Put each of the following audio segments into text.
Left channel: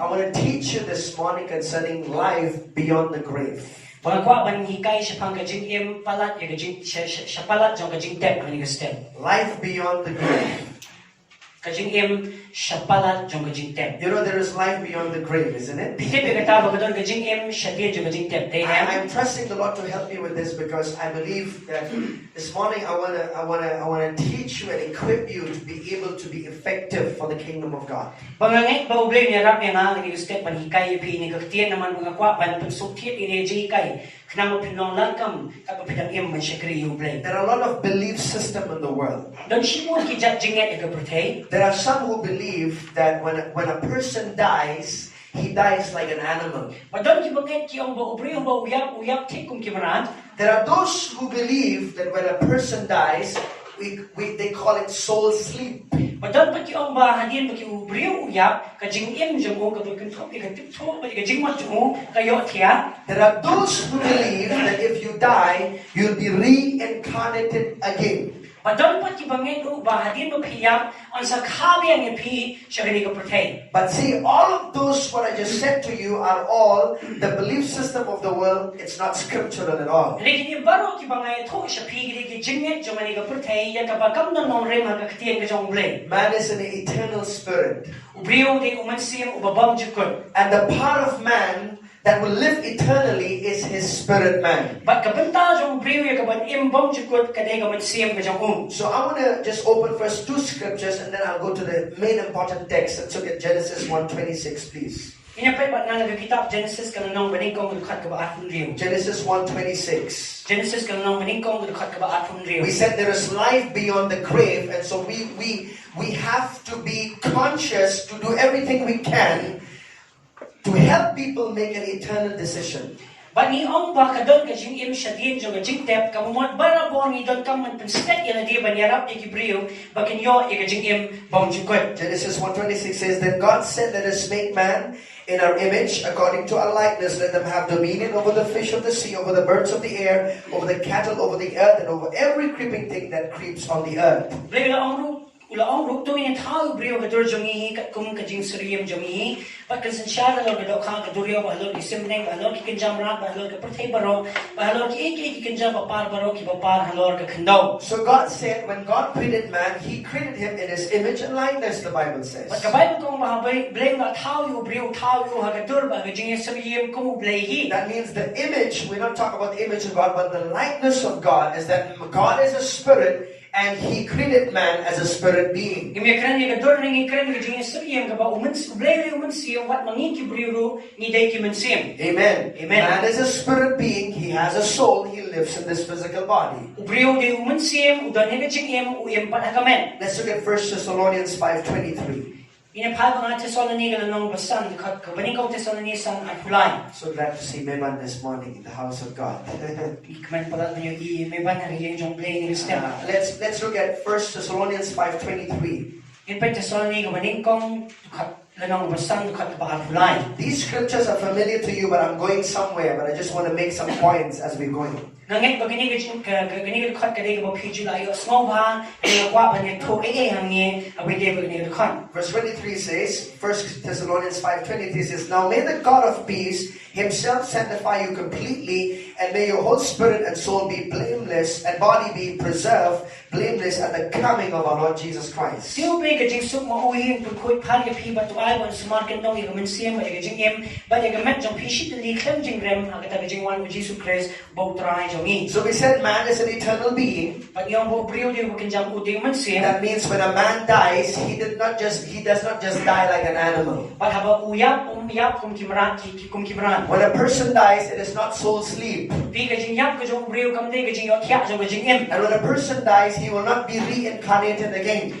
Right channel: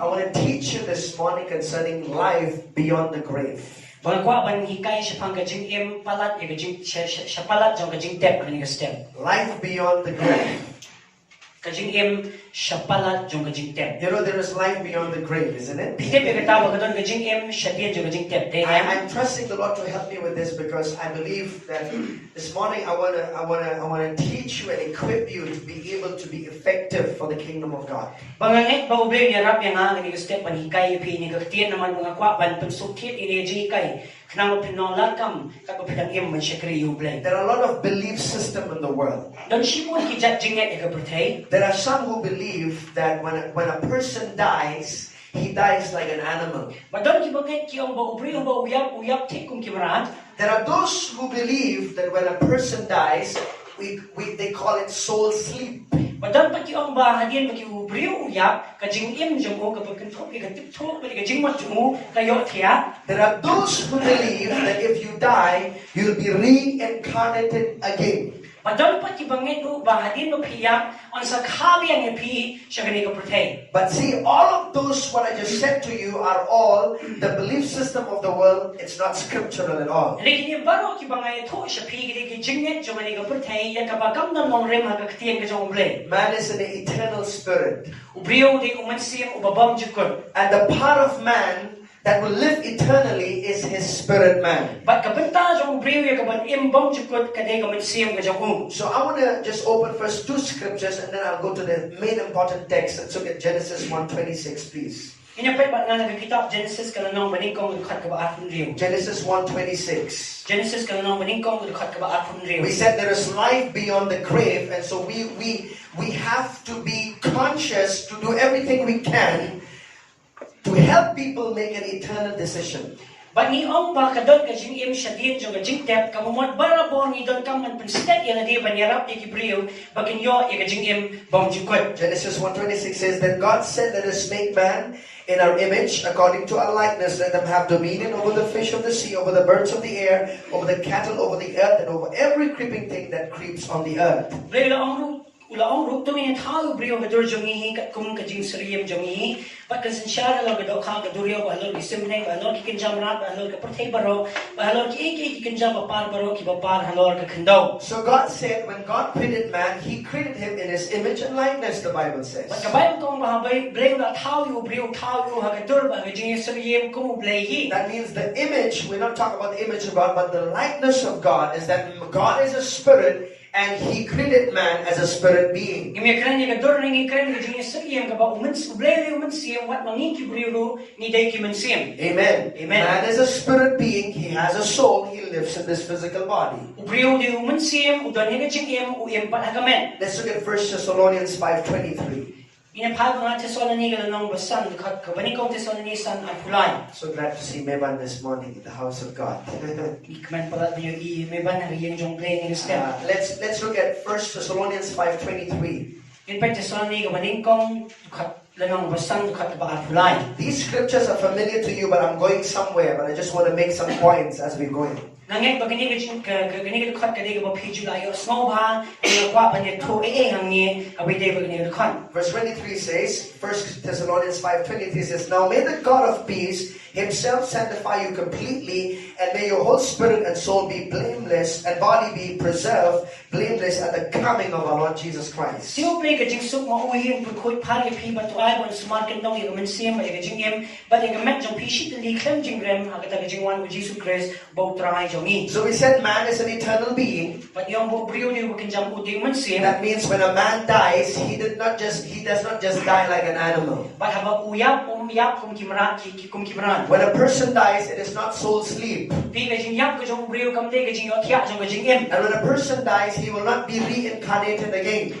I want to teach you this morning concerning life beyond the grave. Life beyond the grave. You know there is life beyond the grave, isn't it? I'm trusting the Lord to help me with this because I believe that this morning I wanna teach you and equip you to be able to be effective for the kingdom of God. There are a lot of belief systems in the world. There are some who believe that when a person dies, he dies like an animal. There are those who believe that when a person dies, they call it soul sleep. There are those who believe that if you die, you'll be reincarnated again. But see, all of those what I just said to you are all the belief system of the world. It's not scriptural at all. Man is an eternal spirit. And the part of man that will live eternally is his spirit man. So I want to just open first two scriptures and then I'll go to the main important text. Let's look at Genesis 1:26, please. Genesis 1:26. We said there is life beyond the grave, and so we have to be conscious to do everything we can to help people make an eternal decision. Genesis 1:26 says, Then God said, Let us make man in our image, according to our likeness. Let them have dominion over the fish of the sea, over the birds of the air, over the cattle, over the earth, and over every creeping thing that creeps on the earth. So God said, when God created man, He created him in His image and likeness, the Bible says. That means the image, we're not talking about the image of God, but the likeness of God is that God is a spirit, and He created man as a spirit being. Amen. Man is a spirit being. He has a soul. He lives in this physical body. Let's look at 1 Thessalonians 5:23. So glad to see Meban this morning in the house of God. Let's look at 1 Thessalonians 5:23. These scriptures are familiar to you, but I'm going somewhere, but I just want to make some points as we're going. Verse 23 says, 1 Thessalonians 5:23 says, Now may the God of peace Himself sanctify you completely, and may your whole spirit and soul be blameless, and body be preserved blameless at the coming of our Lord Jesus Christ. So we said man is an eternal being. That means when a man dies, he does not just die like an animal. When a person dies, it is not soul sleep. And when a person dies, he will not be reincarnated again.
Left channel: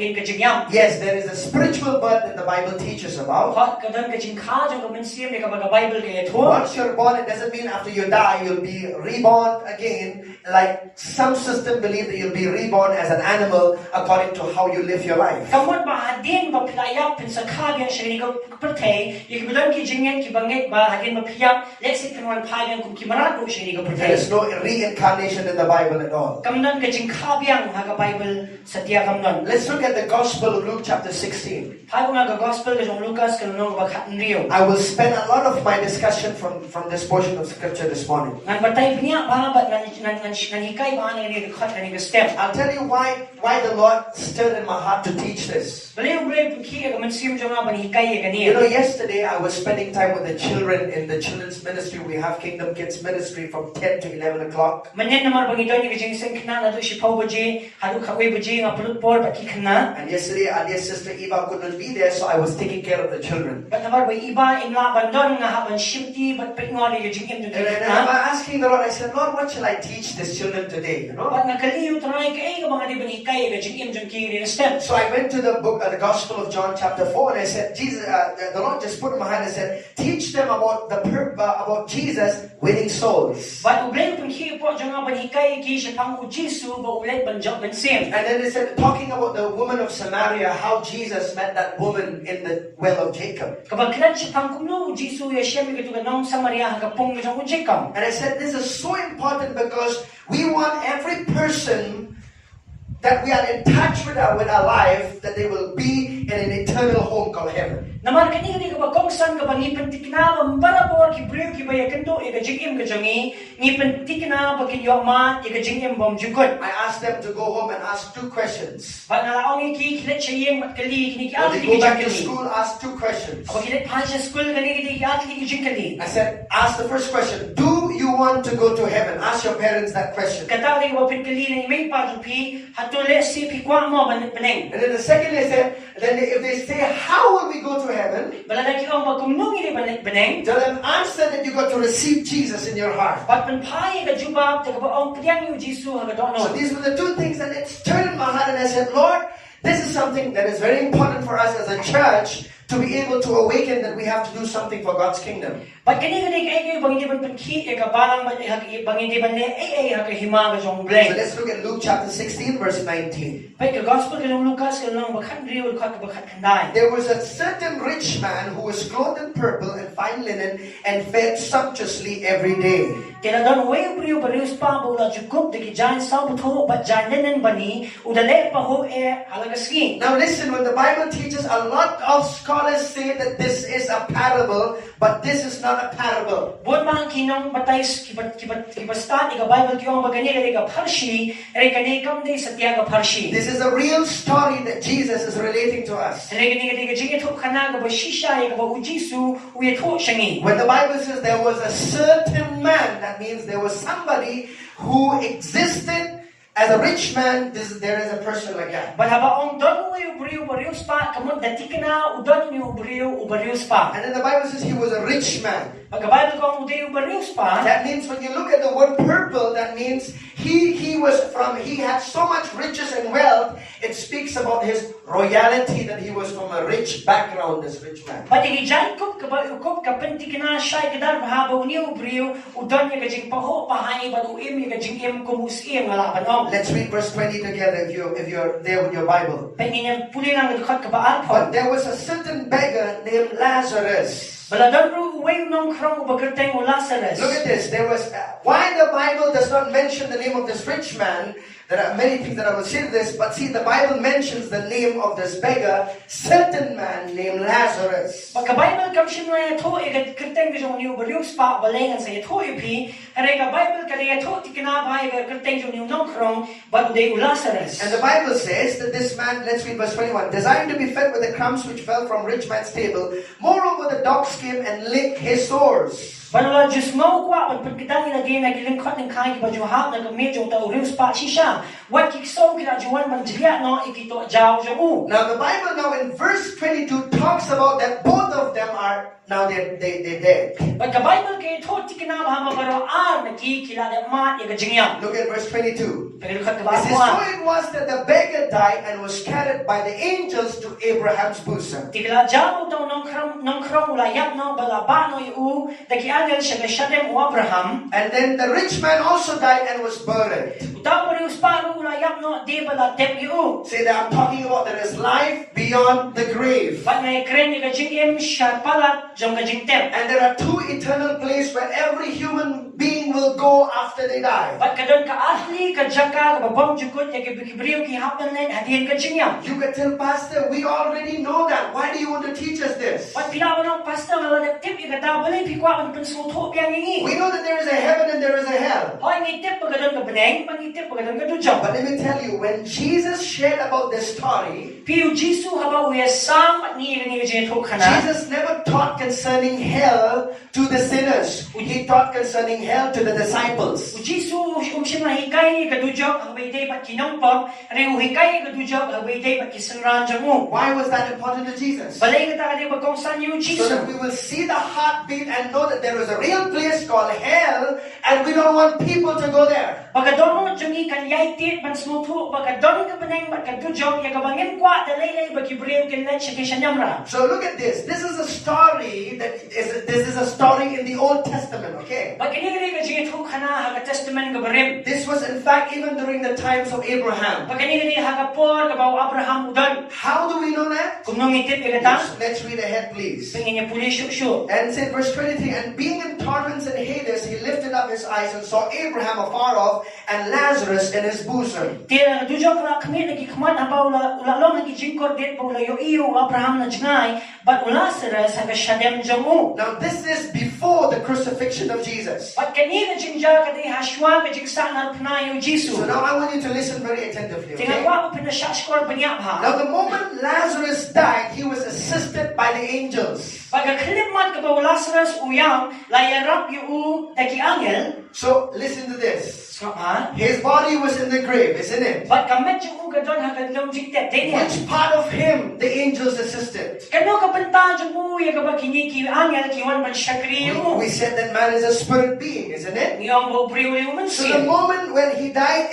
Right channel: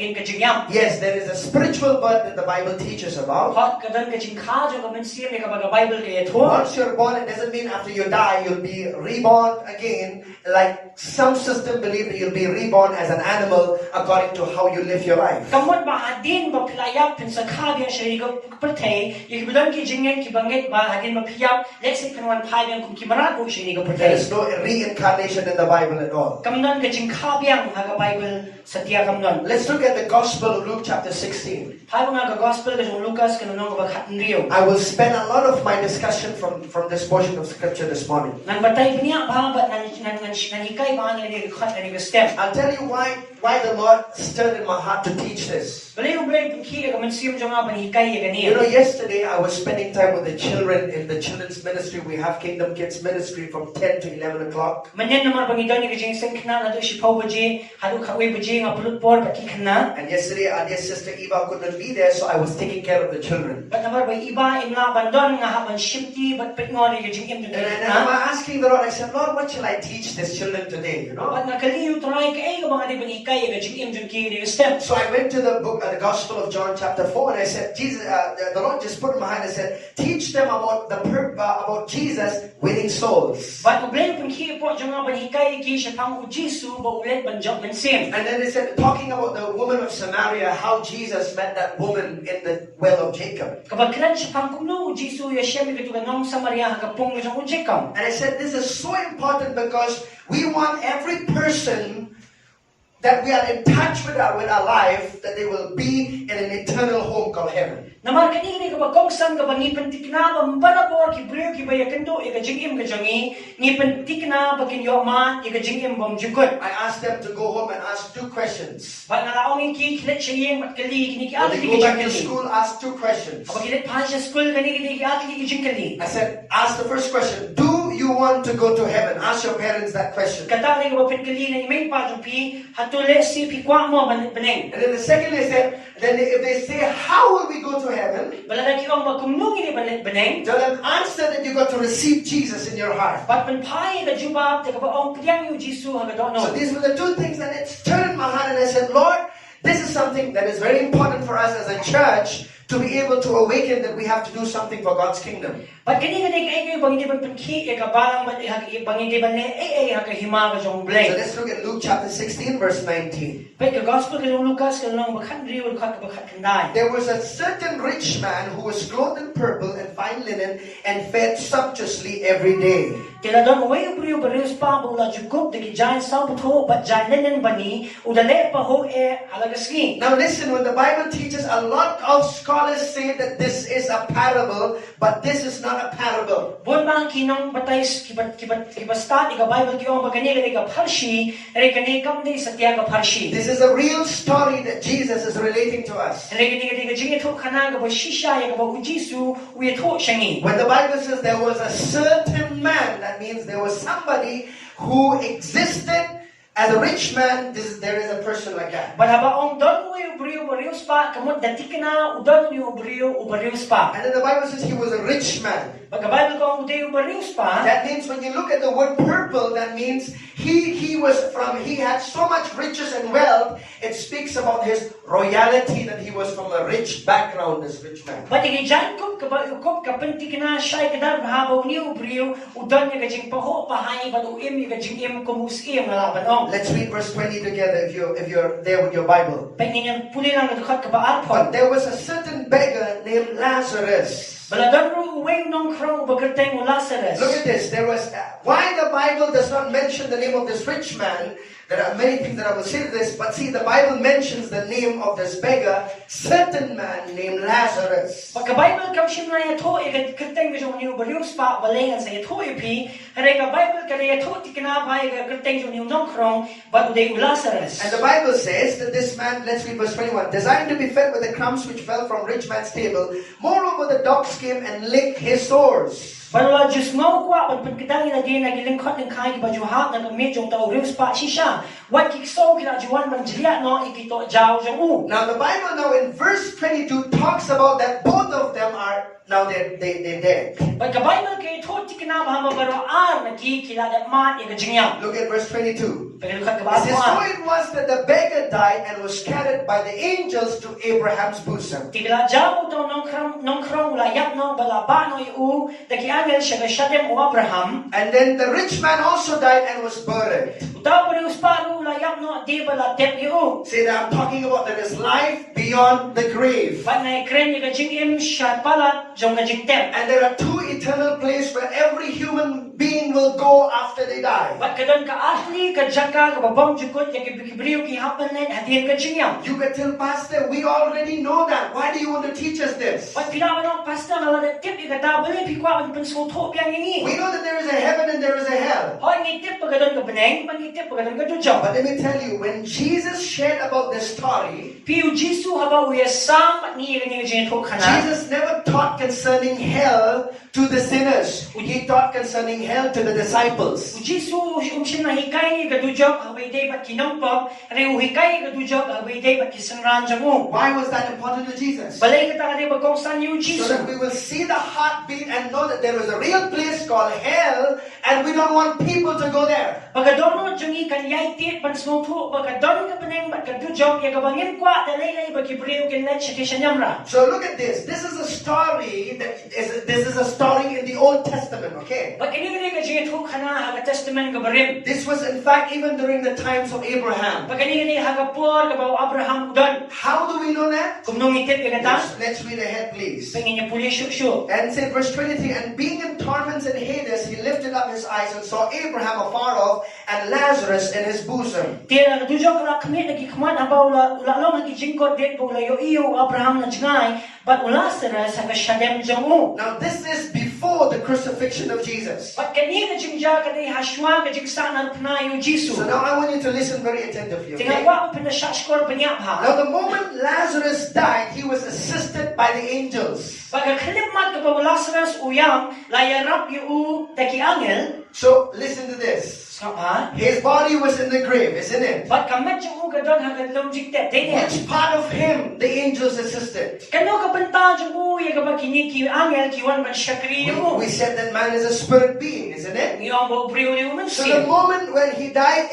hagin ka jingyam. Yes, there is a spiritual birth that the Bible teaches about. Hot kadang ka jingkha jo ka mensiam ka baga Bible ka yathon. Once you're born, it doesn't mean after you die you'll be reborn again. Like some system believe that you'll be reborn as an animal according to how you live your life. Kamot ba adin ba pilaya pin sa khabya shari ka pertay you budang ki jingyan ki banget ba hagin ma phiyap lexit kanwan phayang kum ki marago shari ka There pertay. is no reincarnation in the Bible at all. Kamnon ka jingkhabyang haga Bible satya kamnon. Let's look at the Gospel of Luke chapter 16. Hago nga ka gospel ka jong Lucas kanong ba khatnriyo. I will spend a lot of my discussion from this portion of scripture this morning. Ngan batay niya ba ba ngan hikay ba ni ka khat ni ka step. I'll tell you why the Lord stirred in my heart to teach this. Believe ki ka mensiam jo nga ba ni hikay ka You ni. know, yesterday I was spending time with the children in the children's ministry. We have Kingdom Kids ministry from 10 to 11 o'clock. Manyan naman bang ito ni ka jing sing kana na do si Pau baji hadu khaway baji nga pulut por pati kana. And yesterday our dear sister Eva couldn't be there, so I was taking care of the children. But naman ba iba in nga bandon nga haban shifty but pingon ni ka jing im And I'm asking the Lord, I said, Lord, what shall I teach these children today? You know? But nakaliyo try ka ay mga di ba ni hikay ka jing im jung ki ni ka step. So I went to the book, the Gospel of John chapter 4, and I said, Jesus, the Lord just put in my hand and said, teach them about about Jesus winning souls. But ublay pun ki po jung nga ba ni hikay ki siya pang ujisu ba ulit ban jump ban sim. And then they said, talking about the woman of Samaria, how Jesus met that woman in the well of Jacob. Kapag kinan siya pang kumno ujisu ya siya mi katuga nong Samaria hagapong ni jung ujikam. And I said, this is so important because we want every person that we are in touch with our life, that they will be in an eternal home called heaven. Naman kanini kapag kung san kapag ngipentikna mambarabor ki brio ki baya kento ika jingim ka jangi ngipentikna bakin yo ma ika jingim bom jukot. I asked them to go home and ask 2 questions. Pag nalaong ki kilit siya yung matkali kini ki When ati they ki go back to jingkali. school, ask 2 questions. Kapag kilit pa siya school kani ki ati ki jingkali. I said, ask the first question, do you want to go to heaven? Ask your parents that question. Kata rin wapin kali na may patrupi hatule si pikwa mo beneng. And then the second they said, then if they say, how will we go to heaven? Balada ki ang magkumnong ini beneng. Tell them, answer that you got to receive Jesus in your heart. Pat penpaya ka jubab ta kapag ang piyang yu Jisu hagadono. So these were the 2 things that it stirred in my heart, and I said, Lord, this is something that is very important for us as a church to be able to awaken that we have to do something for God's kingdom. But kani ay bang hindi ban penki e kabalang bang hindi ban ay hima ka jong So blay. let's look at Luke chapter 16 verse 19. Pai ka gospel ka Lucas ka nong bakhan riu ka bakhat kanday. There was a certain rich man who was clothed in purple and fine linen and fed sumptuously every day. Kaya don way brio barius pa bola jukup de giant sa butho but giant linen bani udale pa ho e halagaski. Now listen, when the Bible teaches, a lot of scholars say that this is a parable, but this is not a parable. Buat bang kinong batay kibastat ika Bible kiyong bagani ka parshi re kani kam de satya ka parshi. This is a real story that Jesus is relating to us. Re kani ka jingi thuk khana ka ba shisha ya ka ba ujisu uye thuk shangi. When the Bible says there was a certain man, that means there was somebody who existed as a rich man. There is a person like that. Balaba ong don way brio spa kamot datikna udon ni brio spa. And then the Bible says he was a rich man. Pagkabalo ko ang brio spa. That means when you look at the word purple, that means he had so much riches and wealth. It speaks about his royalty, that he was from a rich background, this rich man. Pati gijan ko kabayukop kapentikna siya kadar habaw ni brio udon ni kajing paho pahay badu im ni kajing im kumusim laban ong. Let's read verse 20 together if you're there with your Bible. Pengin yang puli lang dekat kabaat po. But there was a certain beggar named Lazarus. Baladan ru way nong krong bagerteng o Lazarus. Look at this. There was why the Bible does not mention the name of this rich man. There are many things that I will say to this, but see, the Bible mentions the name of this beggar, certain man named Lazarus. Pagka Bible kam shin na yato ikat kerteng jong niu brio spa balengan sa yato ipi. Harega Bible kada yato tikna bai kerteng jong niu nong krong but de Lazarus. And the Bible says that this man, let's read verse 21, designed to be fed with the crumbs which fell from rich man's table. Moreover, the dogs came and licked his sores. Balala just ngau kwa pag pagkitang ina din nagilingkot ng kai ki bajuha na medyo ta uriu spa shisha. What kikso kina juan man jria no ikito jaw jamu. Now the Bible now in verse 22 talks about that both of them are now they're dead. Pagka Bible kay to tikina ba mabaro ar nakikila da mat iga jingyam. Look at verse 22. Paglukat ka It says, so ba? it was that the beggar died and was carried by the angels to Abraham's bosom. Tigla jabo daw nang krong ulayap no balaba no yu daki angel siya shadem o Abraham. And then the rich man also died and was buried. Utaw pa rin usparo ulayap no di bala tep yu. See, that I'm talking about there is life beyond the grave. But na ikren ni kajing im siya palat jong kajing tep. And there are two eternal places where every human being will go after they die. But kadon ka ahli ka jaka ka babang jukot ya kibriyo ki hapan na hadiyan kajing yam. You can tell, Pastor, we already know that. Why do you want to teach us this? But pinawa ng pastor na wala tip ikata balay pikwa ang pensuto yang ngi. We know that there is a heaven and there is a hell. Hoy ngi tip pagadon ka beneng, pangitip pagadon ka dujang. But let me tell you, when Jesus shared about this story, Piu Jisu haba uya sam ni ni jeng to kana. Jesus never taught concerning hell to the sinners. He taught concerning hell to the disciples. Jisu umsim na hikay ka dujang habay day pat kinampap, re hikay ka dujang habay day pat kisanran jango. Why was that important to Jesus? Balay ka ta bagong san yu So Jisu. that we will see the heartbeat and know that there is a real place called hell and we don't want people to go there. Pagkadon mo jungi kan yai tit pan smutu pagkadon ka beneng pat ka dujang ya ka bangin kwa dalay bagibriyo ken na chikishanyamra. So look at this. This is a story this is a story in the Old Testament, okay? Pagkini ka jeng to kana ha testament ka barim. This was in fact even during the times of Abraham. Pagkini ha ka por ka ba Abraham udan. How do we know that? Kung nung itip ya kata, Let's read ahead, please. pengin niya puli syuk. And it's in verse 23, and being in torments in Hades, he lifted up his eyes and saw Abraham afar off and Lazarus in his bosom. Tira dujok na kami lagi kumat apa ulalong lagi jingkot det pa ulayo iyo Abraham na jngay, but Lazarus ha ka shadem jangu. Now this is before the crucifixion of Jesus. But kani na jingja ka di haswa ka jingsa na pnayo Jisu. So now I want you to listen very attentively, Tingnan okay? ko pinasyaskor banyap ha. Now the moment Lazarus died, he was assisted by the angels. Pagkakalimat ka ba Lazarus uyang layarap yu taki angel. So listen to this. Ha? His body was in the grave, isn't it? But kamet yung ugadon hanggang long jingtep. Which part of him the angels assisted? Kano kapanta yung uya ka ba kiniki angel kiwan man syakri mo. We said that man is a spirit being, isn't it? Ngiyong mo priyo yung So the mansin. moment when he died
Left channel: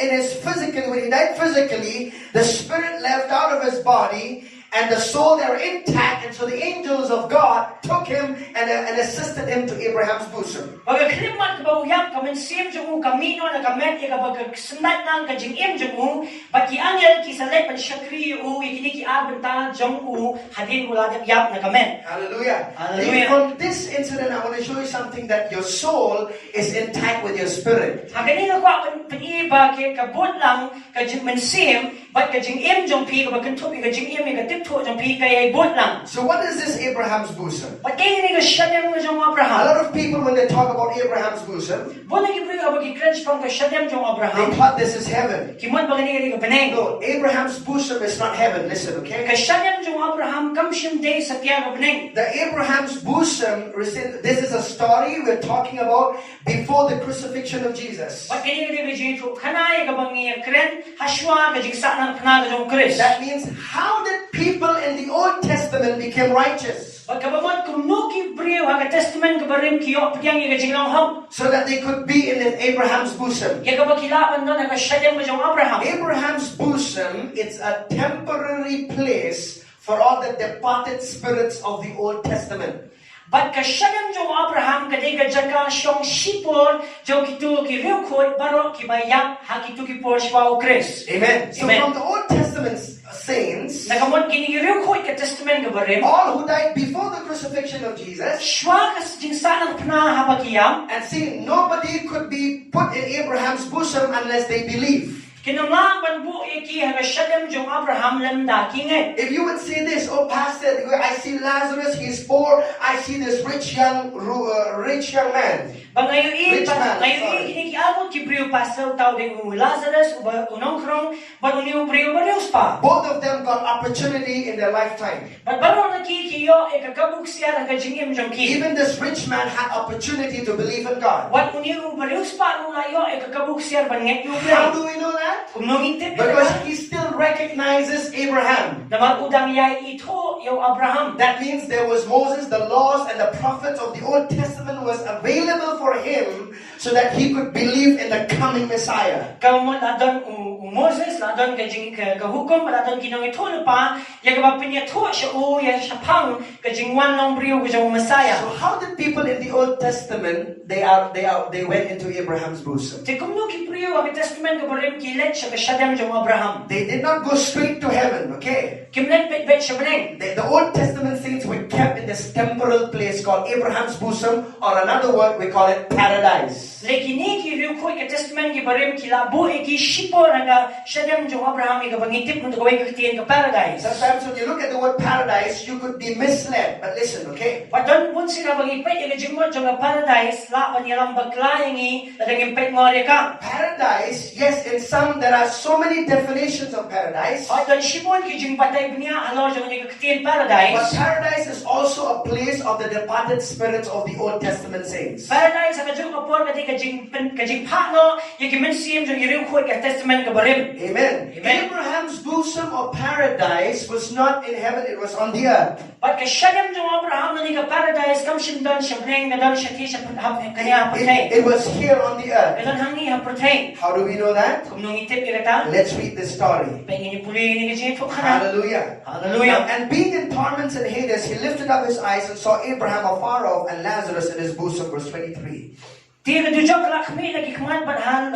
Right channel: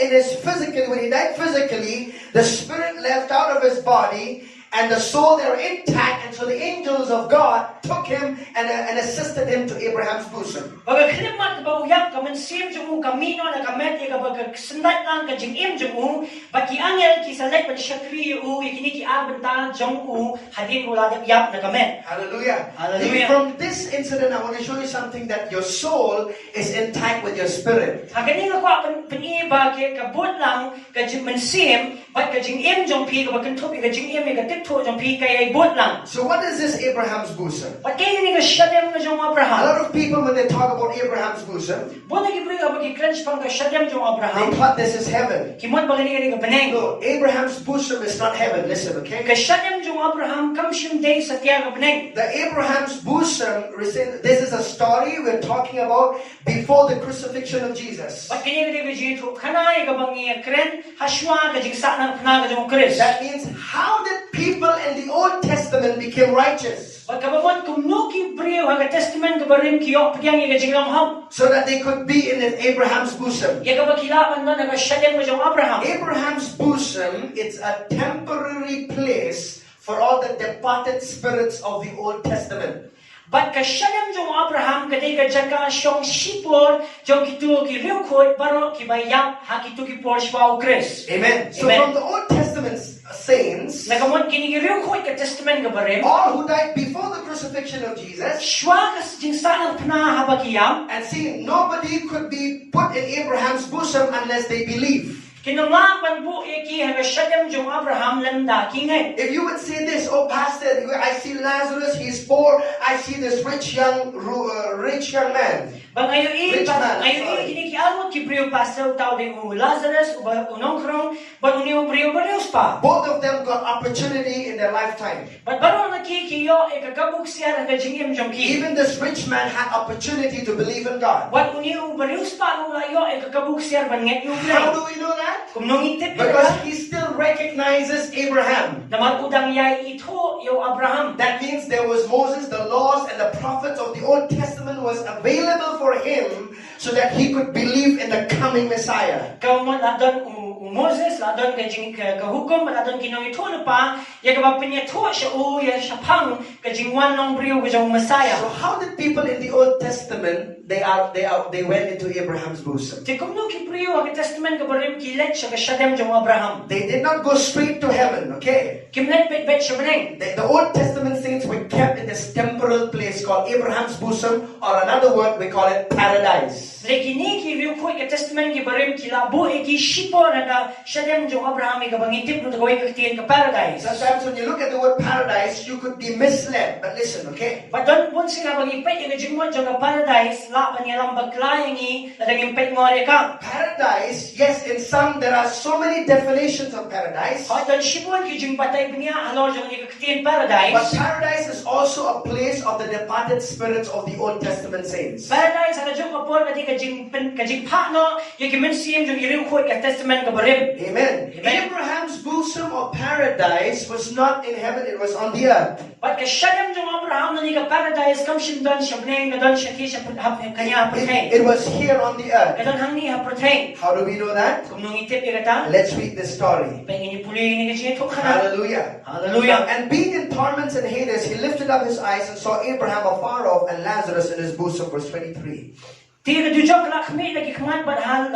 physically, the spirit left out of his body and the soul they were intact, and so the angels of God took him and assisted him to Abraham's bosom. Pagkakalimat ka ba uyang kamansim yung kamino na kamet yung pagkasendat ng kajing yung pati angel kisalit man syakri yung ikiniki abenta yung hadin uladap yap na kamet. Hallelujah. Hallelujah. From this incident, I want to show you something, that your soul is intact with your spirit. Ganina ko ang paniba kay kabut lang kajing mansim, but kajing yung pi kabakantup kajing katipto yung pi kay bot lang. So what is this Abraham's bosom? But kaya ni ka syadem yung A Abraham. lot of people, when they talk about Abraham's bosom, Bona gibri abag i-crunch pang ka syadem yung they Abraham. thought this is heaven. Kimon ba ganiri ka beneng? No, Abraham's bosom is not heaven. Listen, okay? Ka syadem yung Abraham kamsyum day sa tiyaga beneng. The Abraham's bosom, this is a story we're talking about before the crucifixion of Jesus. But kaya ni ka jito kanay ka bang i-kren haswa kajing sa ng panaga yung Chris. That means, how did people in the Old Testament become righteous? Pagkabamon kung no kibriyo haga testament ka ba rin kiyo patiyang i-kajing langham. So that they could be in Abraham's bosom. Yaga ba kilaban na naga syadem yung Abraham. Abraham's bosom, it's a temporary place for all the departed spirits of the Old Testament. But kasyadam yung Abraham kaday kajaka siyong sipor yung kitu kiriukot baro kibayap hakitu kipor siya o Chris. Amen. So Amen. from the Old Testament saints, Nakamon kinigiriukot ka testament ka barim. all who died before the crucifixion of Jesus, Siya kas jinsa ng panahabagiyam. and see, nobody could be put in Abraham's bosom unless they believe. Kinulang banbu iki kasyadam yung Abraham lamda kingay. If you would see this, oh pastor, I see Lazarus, he's poor. I see this rich young man. Bangayo Rich man, ngayon sorry. kinikiamot kibriyo pasaw tao de Lazarus uba unong krong ban uniyo briyo barios pa. Both of them got opportunity in their lifetime. But barong nakikiyo ikagabuk siya ang kajing jong ki. Even this rich man had opportunity to believe in God. Wat uniu barius pa nung layo ikagabuk siya ban ngek yu. How do we know that? Kum nung itip Because he still recognizes Abraham. na magudang yay ito yo Abraham. That means there was Moses, the laws and the prophets of the Old Testament was available for him so that he could believe in the coming Messiah. Kau mo ladon Moses ladon kajing kahukom ladon kinong ito pa ya kabapinya to siya ya siya pang kajing wan long brio kajing Messiah. So how did people in the Old Testament they went into Abraham's bosom? Te kum no kiprio ang testament kabarim kilet siya kasyadam jong Abraham. They did not go straight to heaven, okay? Kimnet bet siya beneng. The Old Testament saints were kept in this temporal place called Abraham's bosom, or another word we call it paradise. Lekini kiriu ko ka testament kabarim kilabo eki shipo naga syadam jong Abraham ikabangitip no gawin kaktiyan ka paradise. Sometimes when you look at the word paradise, you could be misled. But listen, okay? Padon pun sila bagipet yung jingmo jong paradise la panyalang baglayangi ladang impet ngore ka. Paradise, yes, in some there are so many definitions of paradise. Padon shipon kijing patay punya halor jong kaktiyan But paradise. paradise is also a place of the departed spirits of the Old Testament saints. Paradise ang jong kapor kati kajing pano yung kimensim jong iriu ko ka testament kabarim. Amen. Amen. Abraham's bosom or paradise was not in heaven, it was on the earth. But kasyadam jong Abraham na ka paradise kam shindon siya beneng kadon siya ki siya kanya patay. It was here on the earth. Kadon hang ni ha patay. How do we know that? Kung nung itip irata, Let's read this story. pengen ipuli ni kajing to kana. Hallelujah. Hallelujah. And being in torments and Hades, he lifted up his eyes and saw Abraham afar off and Lazarus in his bosom. Verse 23. Tira dujok lakmi lagi kaman padahal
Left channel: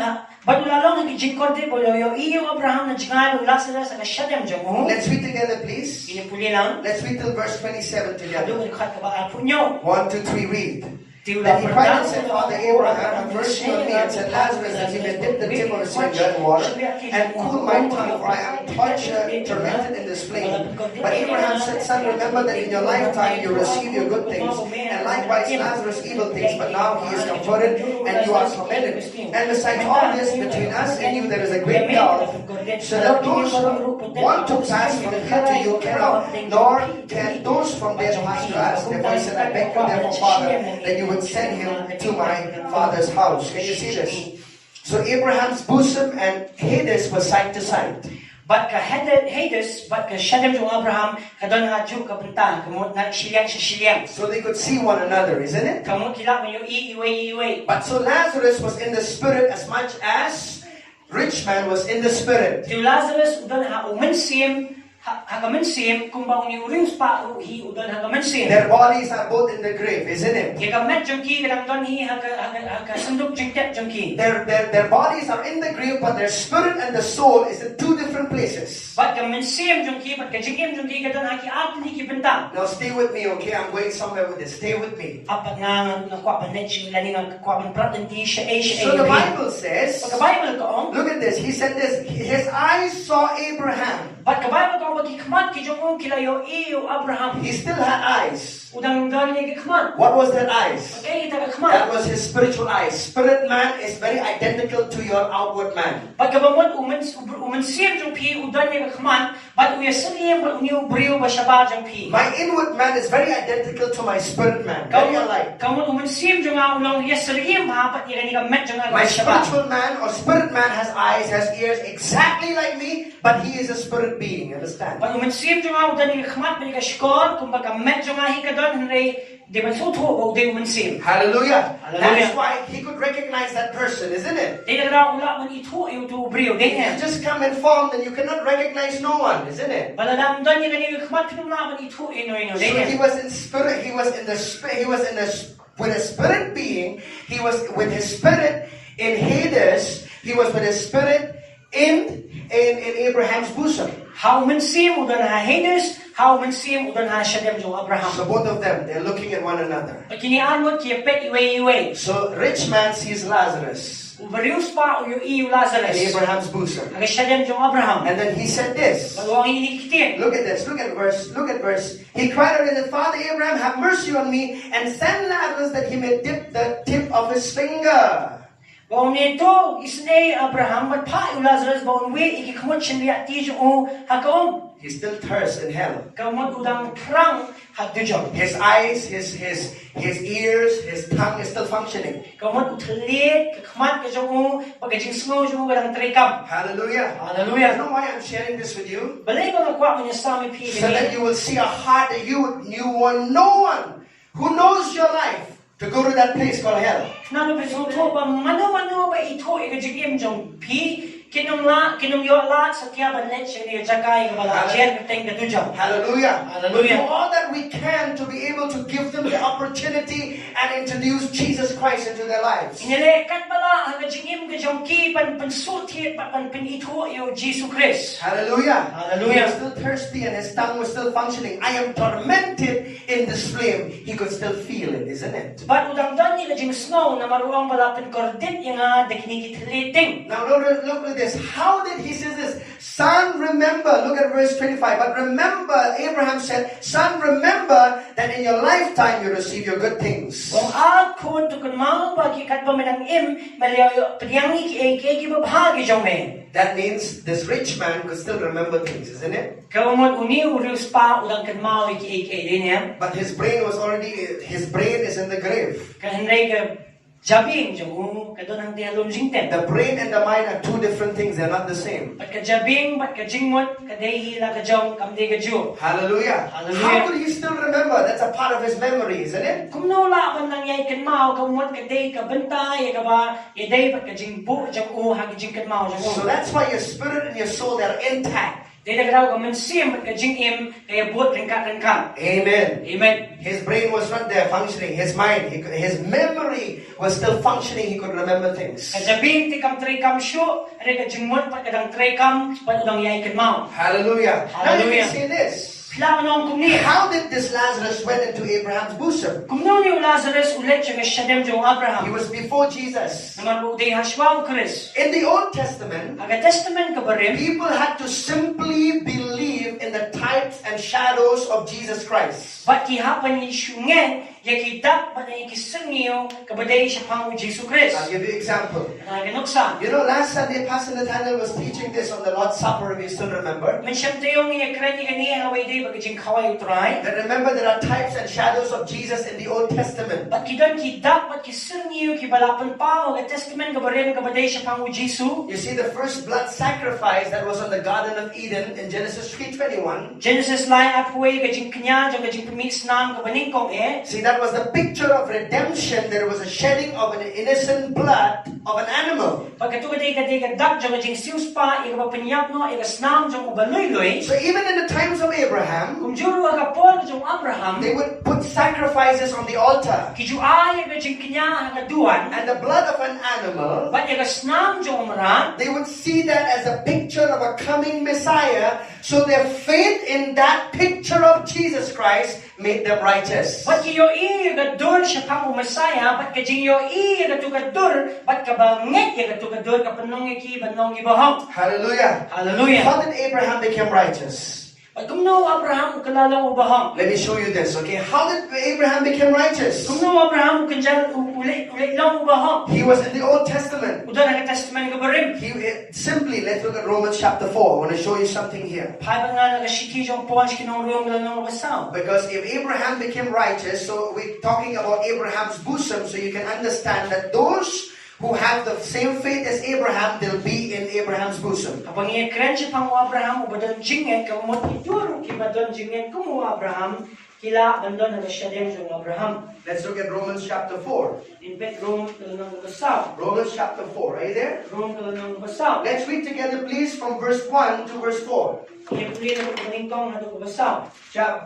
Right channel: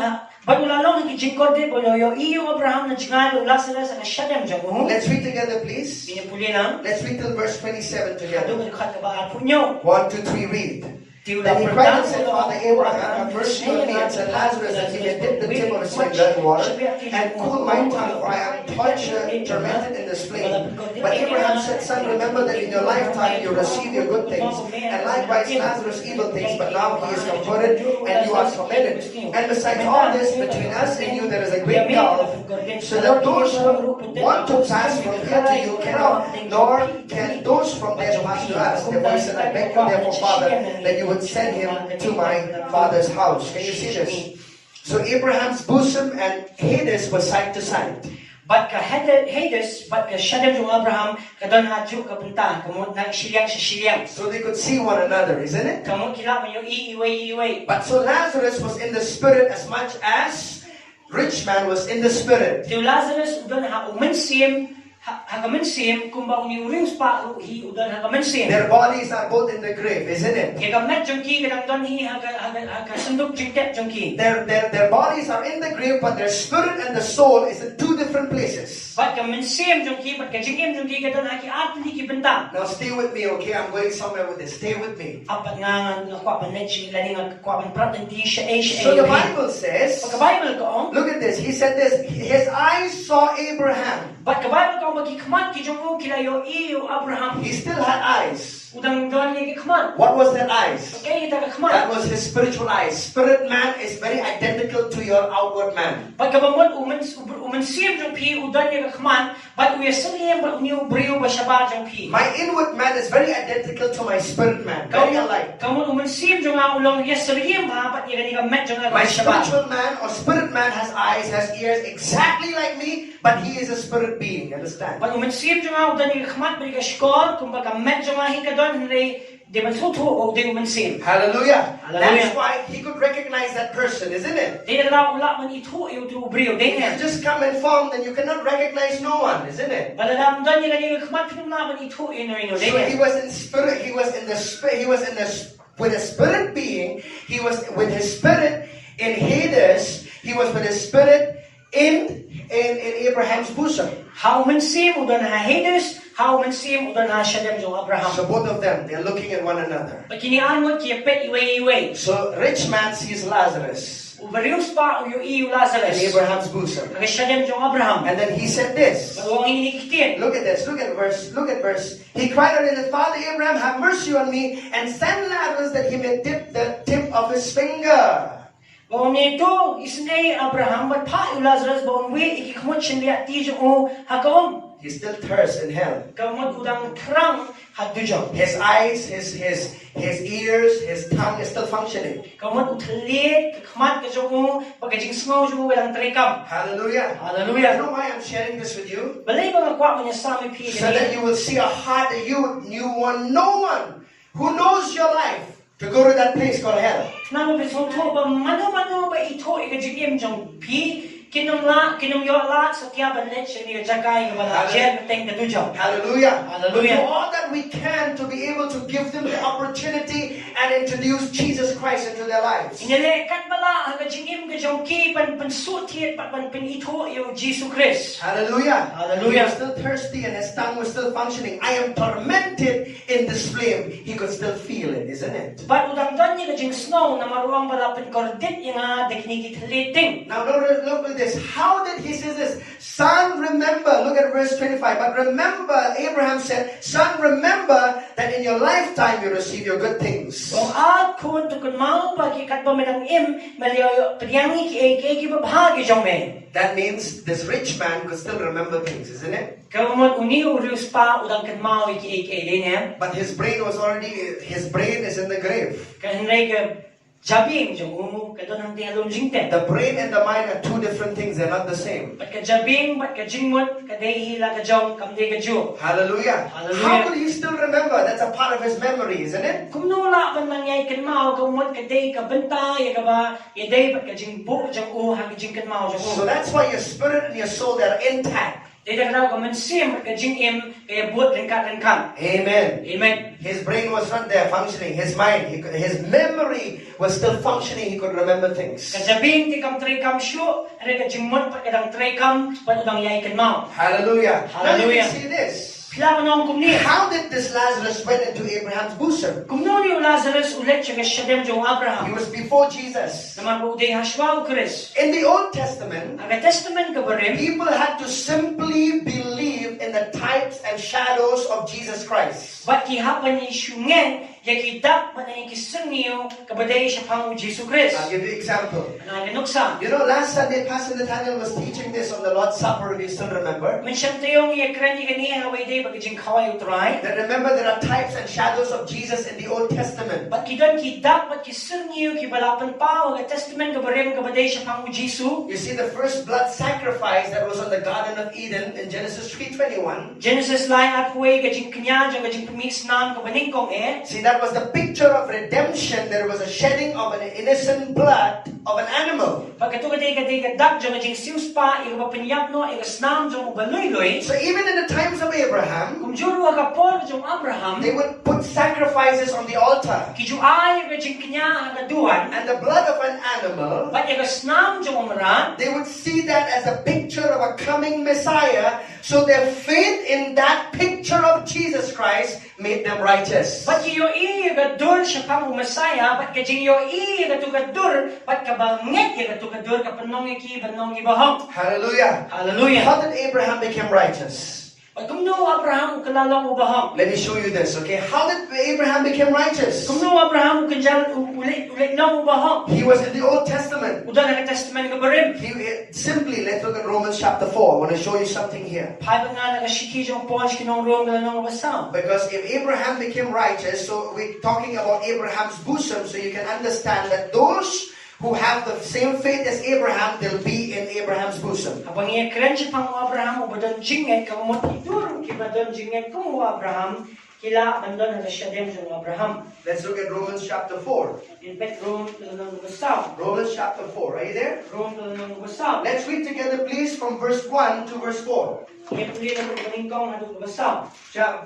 badulalong ang kijingkorde boloyo iyo Abraham na jingalo Lazarus ang kasyadam jong. Let's read together, please. Pinipuli lang. Let's read till verse 27 together. Kadung kat kabaan po nyo. 1, 2, 3, read. Tiula Then he cried and said, Father Abraham, have mercy on me, and send Lazarus that he may dip the tip of his finger in water and cool my tongue, for I am tormented in this flame. But Abraham said, Son, remember that in your lifetime you receive your good things, and likewise Lazarus evil things, but now he is comforted and you are tormented. And besides all this, between us and you there is a great gulf, so that those who want to pass from here to you cannot, nor can those from there pass to us. Therefore he said, I beg you therefore, Father, that you would send him to my father's house. Can you see this? So Abraham's bosom and Hades was side to side. But ka Hades, but ka syadam jong Abraham kadon ha ju kabuntan kamot na silyang. So they could see one another, isn't it? Kamot kila mo yung iiway. But so Lazarus was in the spirit as much as rich man was in the spirit. Ti Lazarus udon ha umensim hagamensim kung ba uni uring pa hi udon hagamensim. Their bodies are both in the grave, isn't it? Gagamit jong ki kadang don hi haga sundok jingtep jong ki. Their bodies are in the grave, but their spirit and the soul is in two different places. But kamensim jong ki but kajingim jong ki kadon haki atin hi kibentang. Now stay with me, okay? I'm going somewhere with this. Stay with me. Apat nga kwa panet si lani nga kwa pan di siya So the Bible says, Pagka Bible ko look at this. He said this. His eyes saw Abraham. but ka Bible ko bagikman ki jong kilayo iyo Abraham. He still had eyes. Udang don ni gikman. What was that eyes? Okay, ita That gikman. was his spiritual eyes. Spirit man is very identical to your outward man. Pagka bamon umensim jong pi udan ni gikman, but uya sangiem but uniu brio ba siya jong pi. My inward man is very identical to my spirit man. Very alike. Kamu umensim jong a ulong yes sangiem ha pat ira ni gamet jong a My siya. spiritual man or spirit man has eyes, has ears exactly like me, but he is a spirit being. Understand? Pag umensim jong a udan ni gikman pa ni skor kung baga met jong a hikadon hindi di masuto o di umensim. Hallelujah. Hallelujah. That's why he could recognize that person, isn't it? Di na ula man ito iyo to brio If din you just come and form, then you cannot recognize no one, isn't it? Palalam don ni gani gikman pinumna man ito ino So he was in spirit. He was in the spirit. He was in the with a spirit being. He was with his spirit in Hades. He was with his spirit in Abraham's bosom. How mensim udan ha Hades, how mensim udan ha Shadem jong Abraham. So both of them, they're looking at one another. Pagkinian mo kiyapet iwe. So rich man sees Lazarus Ubarius pa uyo iyo in Lazarus. Abraham's bosom, Aga Shadem jong Abraham. and then he said this. Bago ang inikitin. Look at this. Look at verse. He cried out and said, Father Abraham, have mercy on me and send Lazarus that he may dip the tip of his finger. Baon nito, isnay Abraham, matpa yung Lazarus, baon we, ikikamot siya liya tiyo o hakaom. He still thirsts in hell. Kamot udang trang hadujong. His eyes, his ears, his tongue is still functioning. Kamot utlit, kamat ka o, pagkajing smaw siya walang trikam. Hallelujah. Hallelujah. You know why I'm sharing this with you? Balay mga kwa mo niya sa aming So that you will see a heart that you want no one who knows your life to go to that place called hell. Naman ba so to ba mano ba ito ikajigim jong pi kinumyo la sa tiyaban net siya niya jagay wala jen teng kadujong. Hallelujah. Hallelujah. We do all that we can to be able to give them the opportunity and introduce Jesus Christ into their lives. Inelekan bala ang kajigim kajong ki pansutit pan ito yung Jesus Christ. Hallelujah. Hallelujah. He was still thirsty and his tongue was still functioning. I am tormented in this flame. He could still feel it, isn't it? But udang dan ni kajing snow na maruang balapin kordit yung deknikit liting. Now look at this. How did he say this? Son, remember. Look at verse 25. But remember, Abraham said, son, remember that in your lifetime you receive your good things. Kung kun tukun mau bagi kat pemenang melihat priangi ki babhagi jong me. That means this rich man could still remember things, isn't it? Kau umut uni urius pa udang kan mau ki dia. But his brain is in the grave. Kan henry jabing jong kadon ang tialom jingten. The brain and the mind are two different things. They're not the same. Pat ka jabing, pat ka jingmot, kadai hila ka jong kamde ka ju. Hallelujah. Hallelujah. How could he still remember? That's a part of his memory, isn't it? Kung nola ban nang yai kan mau ka umut kadai ka benta ya ka ba yadai pat ka jingbu jong ha ka jing kan mau jong. So that's why your spirit and your soul, they're intact. Dede ka mensim pat ka jingim kaya buat kan. Amen. Amen. His brain was not there functioning. His mind, his memory was still functioning. He could remember things. Kajabing ti kam trekam syo, are ka jingmot pat kadang trekam pat udang yai kan mau. Hallelujah. Now you Hallelujah. can say this. Sila nong kumni. How did this Lazarus went into Abraham's bosom? Kumno ni Lazarus ulit siya shadem jong He Abraham. was before Jesus. Naman po uday haswa o Chris. In the Old Testament, Ang testament ka ba rin? people had to simply believe in the types and shadows of Jesus Christ. Ba't kihapan ni Shungen, yakidak pa na ikisang niyo, kabaday siya pang Jesus Christ. I'll give you an example. Ang ganuksa. You know, last Sunday, Pastor Nathaniel was teaching this on the Lord's Supper, if you still remember. Mensyam tayong iyakran ni kaniya haway day bagajing kaway utray. That remember, there are types and shadows of Jesus in the Old Testament. Ba't kidan kidak, ba't kisang niyo, kibalapan pa, ang testament ka ba rin, kabaday siya pang Jesus. You see, the first blood sacrifice that was on the Garden of Eden in Genesis 3:21. Genesis line up way, gajing kanya, gajing pumis nam, kabaning kong See, that was the picture of redemption. There was a shedding of an innocent blood of an animal. Pagkatu kaday kadak, gajing sius pa, ikapapanyak no, ikasnam, jong ubaluy-luy. So even in the times of Abraham, Kung juro ka po, jong Abraham, they would put sacrifices on the altar. kiju ay gajing kanya hagaduan, And the blood of an animal, ba't ikasnam jong umaran, they would see that as a picture of a coming Messiah. So their faith in that picture of Jesus Christ made them righteous. ba't kiyo gadur siya pang umasaya, ba't kajing yo gatugadur, ba't kabangit gatugadur, kapanong banong ibahong. Hallelujah. Hallelujah. How did Abraham become righteous? Ba't kumno Abraham kalalong ubahong? Let me show you this, okay? How did Abraham become righteous? Kumno Abraham kanjan ulit lang ubahong? He was in the Old Testament. Uda na testament ka ba rin? Simply, let's look at Romans chapter 4. I want to show you something here. Pai ba nga nagashiki jong ponch kinurong galanong basaw? Because if Abraham became righteous, so we're talking about Abraham's bosom, so you can understand that those who have the same faith as Abraham, they'll be in Abraham's bosom. Kapag iakran siya pang Abraham, ubadon jingin, kamumot iduro, kibadon jingin, kumu Abraham, kila bandon na siya din jong Abraham. Let's look at Romans chapter 4. In fact, Rome galanong basaw. Romans chapter 4. Are you there? Rome galanong basaw. Let's read together, please, from verse 1 to verse 4. Iyakuli na maningkong hadog basaw.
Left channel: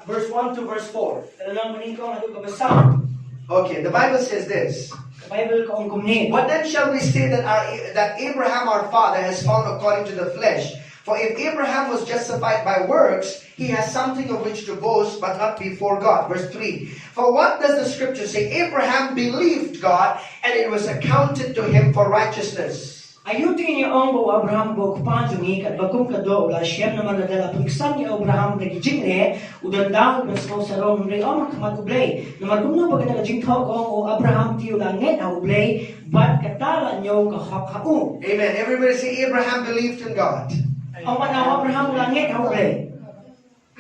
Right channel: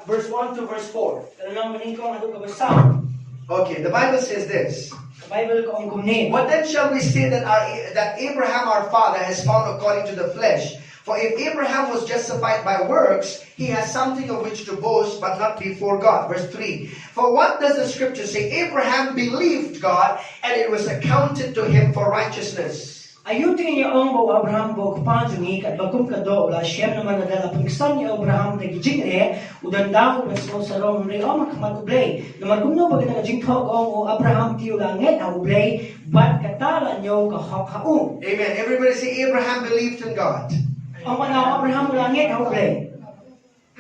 Verse 1 to verse 4. Galanong maningkong hadog basaw. Okay, the Bible says this. Bible ko ang kumni. What then shall we say that Abraham our father has found according to the flesh? For if Abraham was justified by works, he has something of which to boast, but not before God. Verse 3. For what does the scripture say? Abraham believed God, and it was accounted to him for righteousness. Ayutin niya ang bo Abraham bo kupanjungi kat bakum kado ula siyem naman nadala pagsan ni Abraham na gijingre udan daw na sarong ri o makamat ublay naman kumno pag nagajingkaw o Abraham ti ula nget na ublay bat katala niyo kahakau. Amen. Everybody say Abraham believed in God. Ang mga Abraham ula nget na ublay.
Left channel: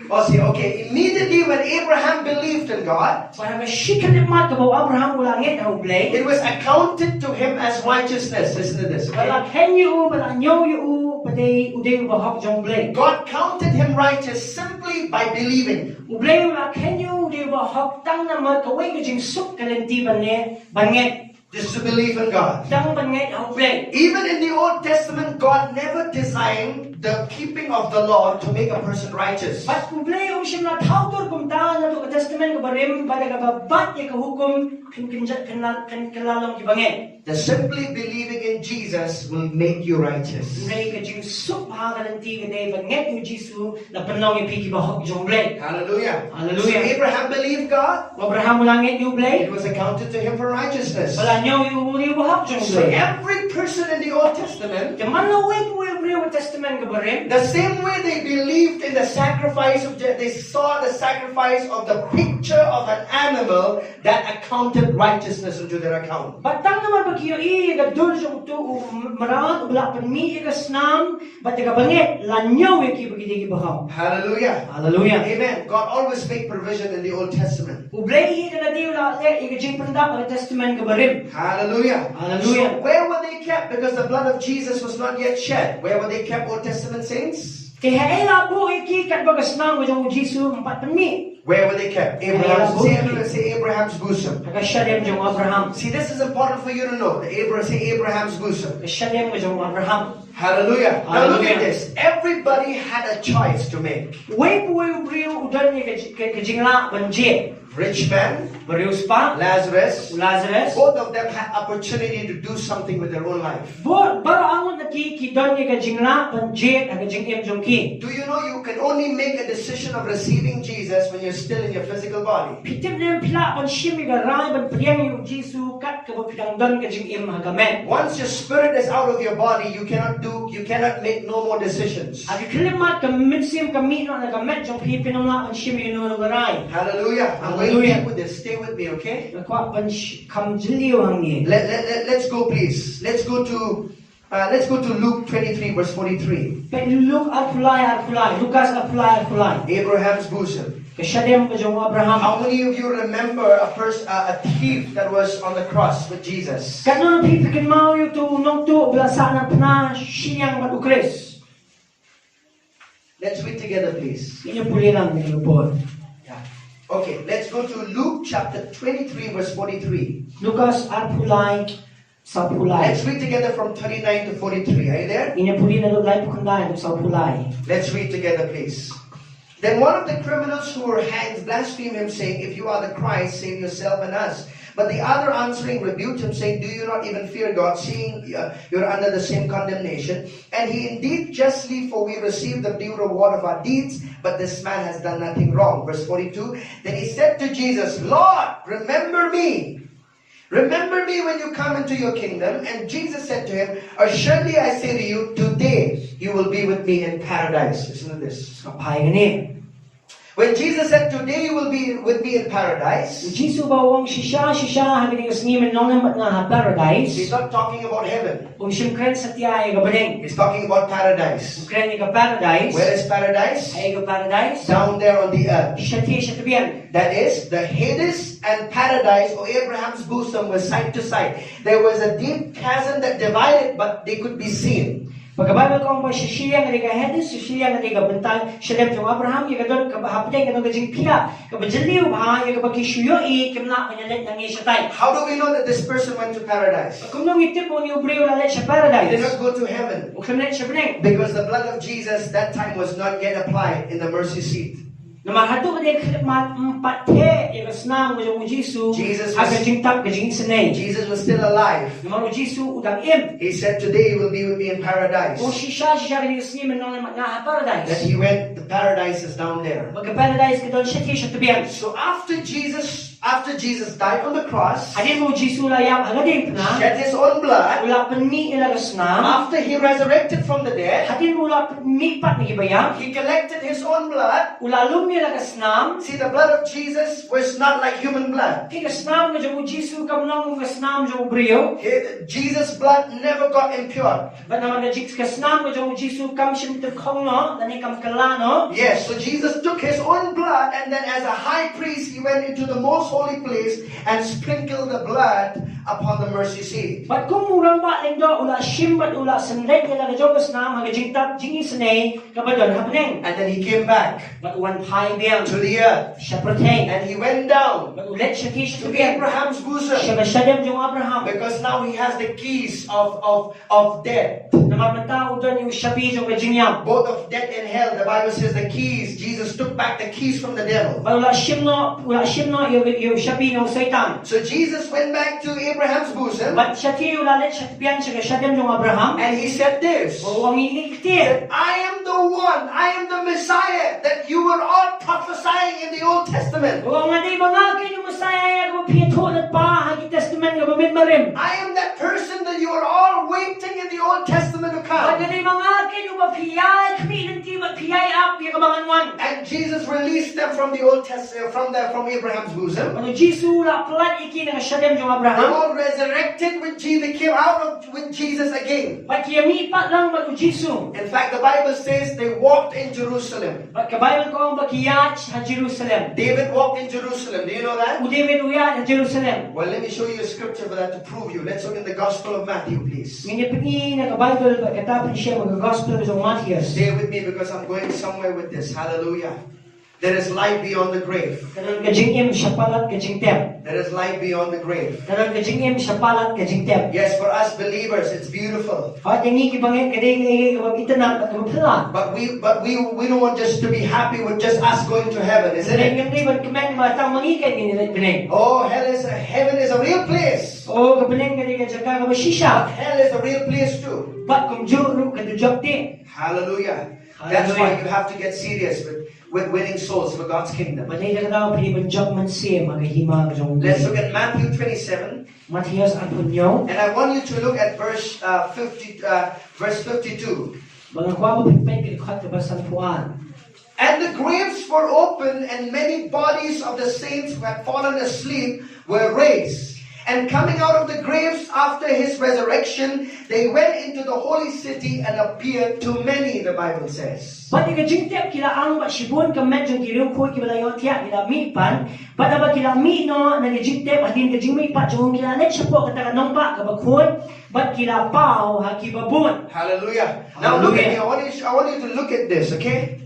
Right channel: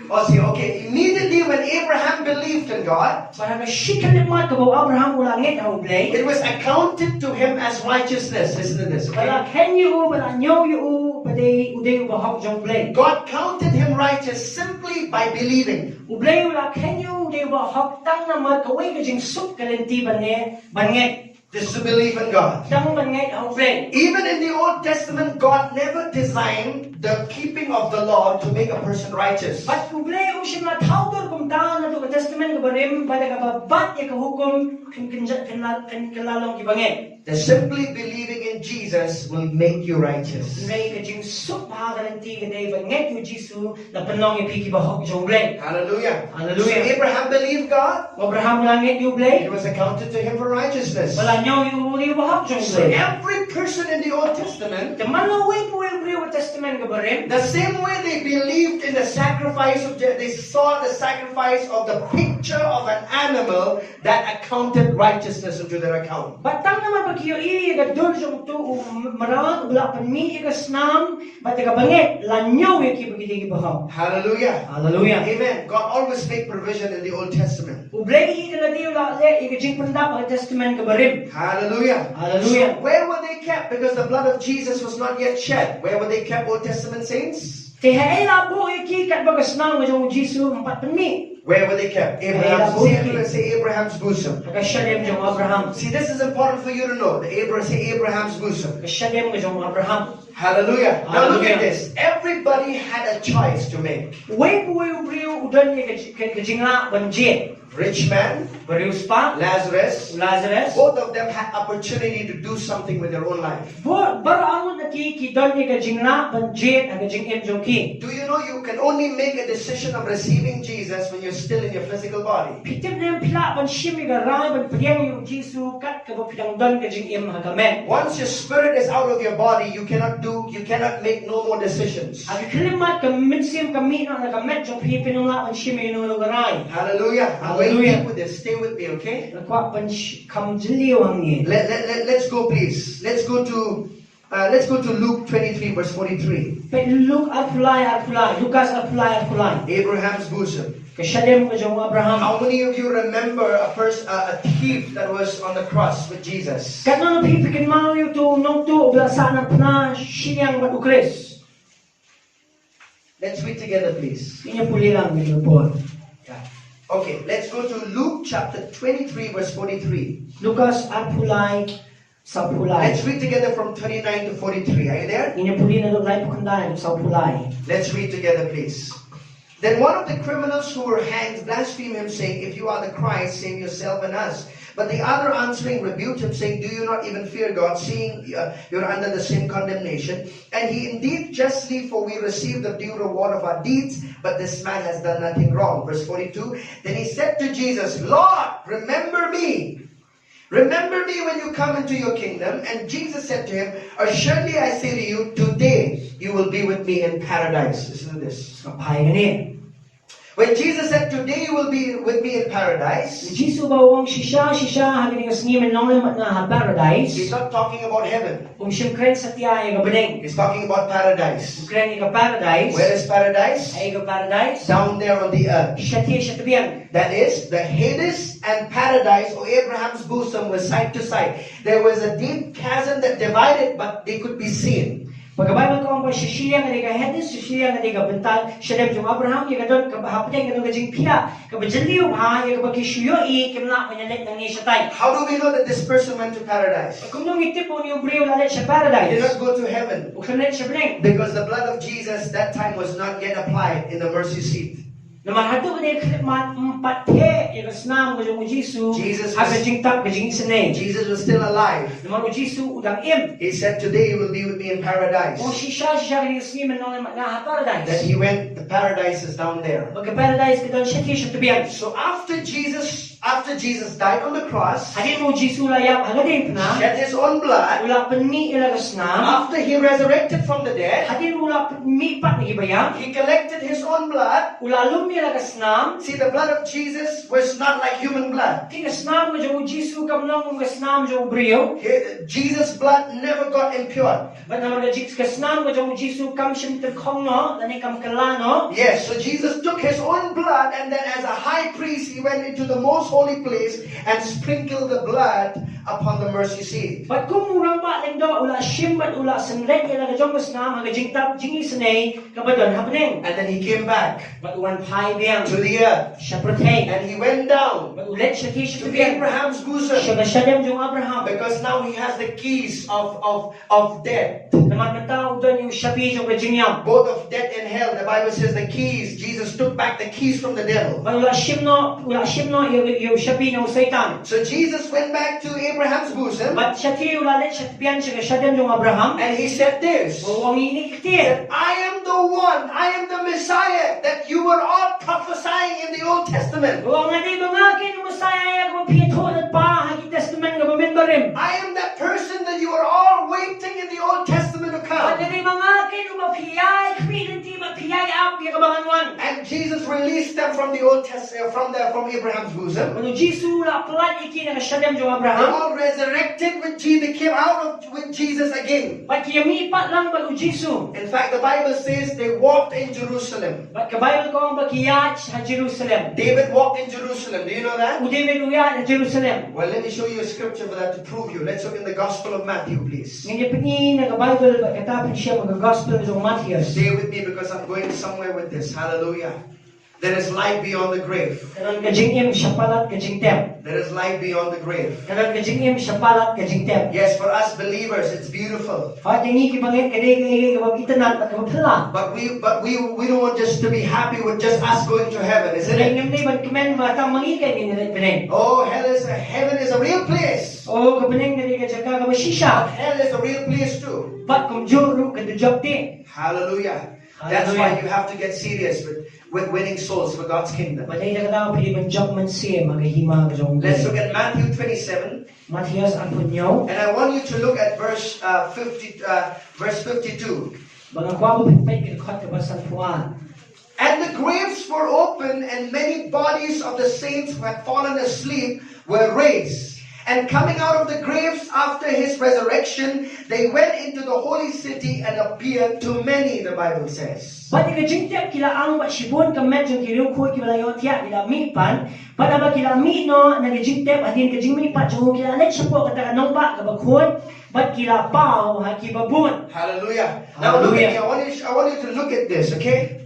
Oh, see, okay. Immediately when Abraham believed in God, Para mashikan mat ko Abraham ula nget na ublay. it was accounted to him as righteousness. Listen to this, okay? Bala kenyo bala nyo yu paday uday bahak jong ublay. God counted him righteous simply by believing. Ublay ula kenyo uday bahak tang na mataway kajing sup kalenti banget. Just to believe in God. Tang banget ublay. Even in the Old Testament, God never designed the keeping of the law to make a person righteous. But ublay siya na tawdor kung taan na to testament ko barim bada ka babat ya kahukom kalalang ibangin. The simply believing in Jesus will make you righteous. Ublay ka jing sup halanti ka day banget yu Jisu na panong ipiki bahak jong ublay. Hallelujah. Hallelujah. So Abraham believed God. Abraham langit yu ublay. It was accounted to him for righteousness. Wala nyo yu bahak jong So ublay. every person in the Old Testament, The manaway ko ublay wa testament ka barim. the same way they believed in the sacrifice of, they saw the sacrifice of the picture of an animal that accounted righteousness into their account. Batang naman pagkiyo gadol siyang to marang wala pan mi igasnam bat ka banget lanyo ki bagiti bahang. Hallelujah. Hallelujah. Amen. God always make provision in the Old Testament. Ublay na di wala le igajing panda pag testament ka barim. Hallelujah. Hallelujah. So where were they kept? Because the blood of Jesus was not yet shed. Where were they kept, Old Testament saints? Kaya ay labo iki kat bagasnam ngajong Jisu empat pan mi. Where were they kept? Abraham's, say Abraham's bosom. Kasyadem jong Abraham. See, this is important for you to know. Say Abraham's bosom. Kasyadem ngajong Abraham. Hallelujah. Now look at Hallelujah. this. Everybody had a choice to make. Way buhay ubriw udan ni kajingla banjit. Rich man, Barius pa Lazarus, Lazarus. both of them had opportunity to do something with their own life. Baro ang nakikidon ni kajingla banjit ang kajing jong ki. Do you know you can only make a decision of receiving Jesus when you're still in your physical body? Pitip na yung pla pan shimi garay ban priyang yung Jisu kat ka pinang don kajing hagamen. Once your spirit is out of your body, you cannot make no more decisions. At kilimat ka minsim kamino na gamet jong pinang pan shimi yung garay. Hallelujah. I'm going to deep with this. Stay with me, okay? Nakwa pan kam jiliw ang ni. Let's go, please. Let's go to Luke 23, verse 43. Pe Luke at fulay. Lucas at fulay. Abraham's bosom. Kasyadem ka jong Abraham. How many of you remember a thief that was on the cross with Jesus? Kat no pipikin mo yung to nung to blasanan na siyang magukres. Let's read together, please. Inya puli lang ni report. Yeah. Okay, let's go to Luke chapter 23, verse 43. Lucas at fulay sa fulay. Let's read together from 39 to 43. Are you there? Inya puli na lulay pakandayan sa fulay. Let's read together, please. Then one of the criminals who were hanged blasphemed him, saying, "If you are the Christ, save yourself and us." But the other answering rebuked him, saying, "Do you not even fear God, seeing you're under the same condemnation? And he indeed justly, for we receive the due reward of our deeds, but this man has done nothing wrong." Verse 42, Then he said to Jesus, "Lord, remember me. Remember me when you come into your kingdom." And Jesus said to him, "Assuredly I say to you, today you will be with me in paradise." Listen to this. Kapay gani. When Jesus said, "Today you will be with me in paradise," Jisu bawang shisha hagin ng snimen nong na paradise. he's not talking about heaven. Siyempre sa tiya ay gabaling. He's talking about paradise. Siyempre ka paradise. Where is paradise? Ay ka paradise. Down there on the earth. Siya tabiyan. That is, the Hades and paradise, or Abraham's bosom, was side to side. There was a deep chasm that divided, but they could be seen. Pagkabalo ko ang siya nga ka Hades, siya nga ka bentang, siya dem jong Abraham, yung kadon kabahapday nga kajing pia, kabajaliw ha, yung kabakisuyo kimna kanyalit nang siya tay. How do we know that this person went to paradise? Kung nung itip mo ni ubriyo lalit He sa did paradise. not go to heaven. Uklalit siya beneng. Because the blood of Jesus that time was not yet applied in the mercy seat. Naman hato ba din pathe ilasnam ko yung Jisu agajing tap gajing sanay. Jesus was still alive. Naman Jisu udang im. He said, "Today you will be with me in paradise." Kung siya kini snimen nong na paradise. That he went, the paradise is down there. Magka paradise ka doon siya tabiyan. So after Jesus after Jesus died on the cross, Hadin mo Jisu layap hagadin na. shed his own blood, Ula penmi ilagas na. after he resurrected from the dead, Hadin mo ula penmi pat na gibayang. he collected his own blood. Ula lumi ilagas nam. See, the blood of Jesus was not like human blood. Tigas nam ka jamu Jisu kam nang kung gas nam jamu brio. Jesus' blood never got impure. But naman ka gas nam ka jamu Jisu kam sim terkong no. Lani kam kala no. Yes, so Jesus took his own blood, and then as a high priest, he went into the most holy place and sprinkled the blood upon the mercy seat. But kung murang ba lindo ula shimbat ula sanrek ila ka jamu gas nam haga jingtap jingi sanay kabadon happening. And then he came back But one pai biang. to the earth, Siya pertay. and he went down But ulit siya ti siya to biang. Abraham's bosom, Siya masyadam yung Abraham. because now he has the keys of death, Namamataw doon yung shabi yung kajinyam. both of death and hell. The Bible says the keys. Jesus took back the keys from the devil. Wala shimno yung shabi ng Satan. So Jesus went back to Abraham's bosom, But siya ti ulalit siya tiyan siya kasyadam yung Abraham. and he said this, O ang iniktir. I am the one, I am the Messiah that you were all prophesying in the Old Testament. O ang aday mga kinumusaya kung piyatho at pa hagi testament nga mamimbarim. I am that person that you were all waiting in the Old Testament to Ang come. aday mga kinumapiyay kami nanti mapiyay up yung kabanganwan. And Jesus released them from the Old Testament, from Abraham's bosom. Ano Jisu la pelat iki na kasyadam yung They Abraham. all resurrected with Jesus. They came out with Jesus again. But kiyami pat lang bago Jisu. In fact, the Bible says they walked in Jerusalem. But kabayal ko ang bakiyat sa Jerusalem. David walked in Jerusalem. Do you know that? Udeven uyat sa Jerusalem. Well, let me show you a scripture for that to prove you. Let's look in the Gospel of Matthew, please. Ngayon pingi na kabayal ba katapin siya mga gospel ng Matthias. Stay with me because I'm going somewhere with this. Hallelujah. There is life beyond the grave. Karang kajingim siya palat kajingtem. There is life beyond the grave. Karang kajingim siya palat kajingtem. Yes, for us believers, it's beautiful. At yung ikibangin kading itanan at kapapala. But we don't want just to be happy with just us going to heaven, isn't Karang it? yung liban kamen matang mangikay ninilit binay. Oh, heaven is a real place. O kapiling kading kajaka kabasisya. Hell is a real place too. But kung juro kadujok ti. Hallelujah. That's why you have to get serious with winning souls for God's kingdom. Malay na katang pinibang job man siya magahima kajong. Let's look at Matthew 27. Matthias ang punyo. And I want you to look at verse 52. Mga kwapo pitpay kinukat kabasan puan. And the graves were opened, and many bodies of the saints who had fallen asleep were raised. And coming out of the graves after his resurrection, they went into the holy city and appeared to many, the Bible says. Pati kajingtep kila ang maksibon kamet yung kilungkoy kibalayon tiyak kila mipan. Pada ba kila mino na kajingtep adin kajingmi pa yung kila let siya po katakanong ba kabakon. But kila pao hakibabun. Hallelujah. Now look at me. I want you to look at this, okay?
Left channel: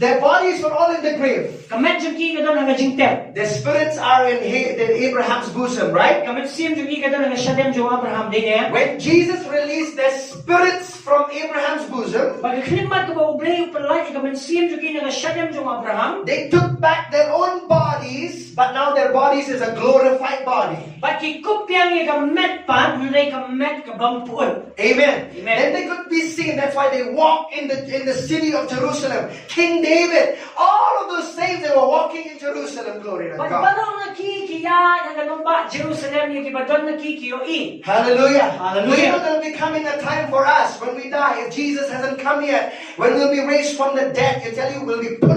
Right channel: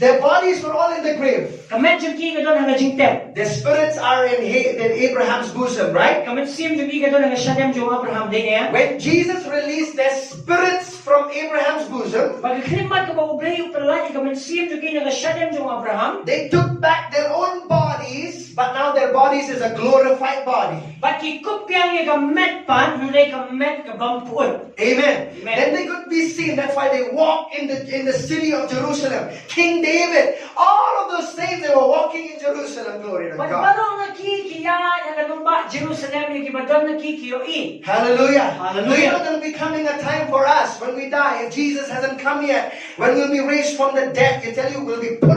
Their bodies were all in the grave. Kamet yung kika doon ang kajingtep. Their spirits are in Abraham's bosom, right? Kamet siyem yung kika doon ang kasyadem yung Abraham din niya. When Jesus released their spirits from Abraham's bosom, Pagkaklimat ka ba ublay yung palay kamet siyem yung kika kasyadem yung Abraham. they took back their own bodies, but now their bodies is a glorified body. Pakikupyang yung kamet pan, hindi kamet kabampuan. Amen. Amen. Then they could be seen. That's why they walk in the city of Jerusalem. King David, all of those saints, they were walking in Jerusalem. Glory to God. Pagbarong nakikiya ang kanumba Jerusalem yung kibadon nakikiyoin. Hallelujah. Hallelujah. You know there'll be coming a time for us when we die, if Jesus hasn't come yet, when we'll be raised from the dead. I tell you, we'll put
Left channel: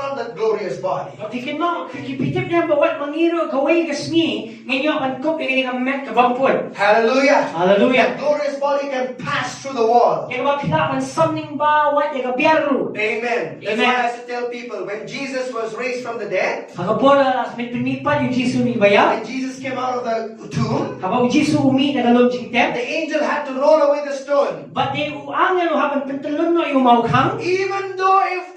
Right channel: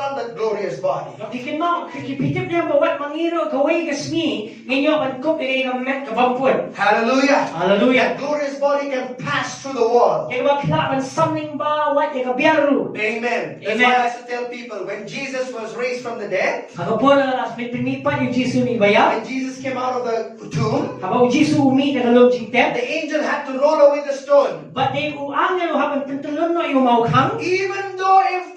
on the glorious body. Tikin mo, kikipitip niya bawat mangiro kaway kasmi, ngayon pagkup yung kamet kabampuan. Hallelujah. Hallelujah. That glorious body can pass through the wall. Yung kapilapan samning bawat yung kabiyaru. Amen. That's Amen. why I have to tell people, when Jesus was raised from the dead, Pagkapura, as may primipan yung Jisu ni Baya, when Jesus came out of the tomb, habang Jisu umi na galong jingtep, the angel had to roll away the stone. but they uangin habang pintalon no yung maukhang, Even though if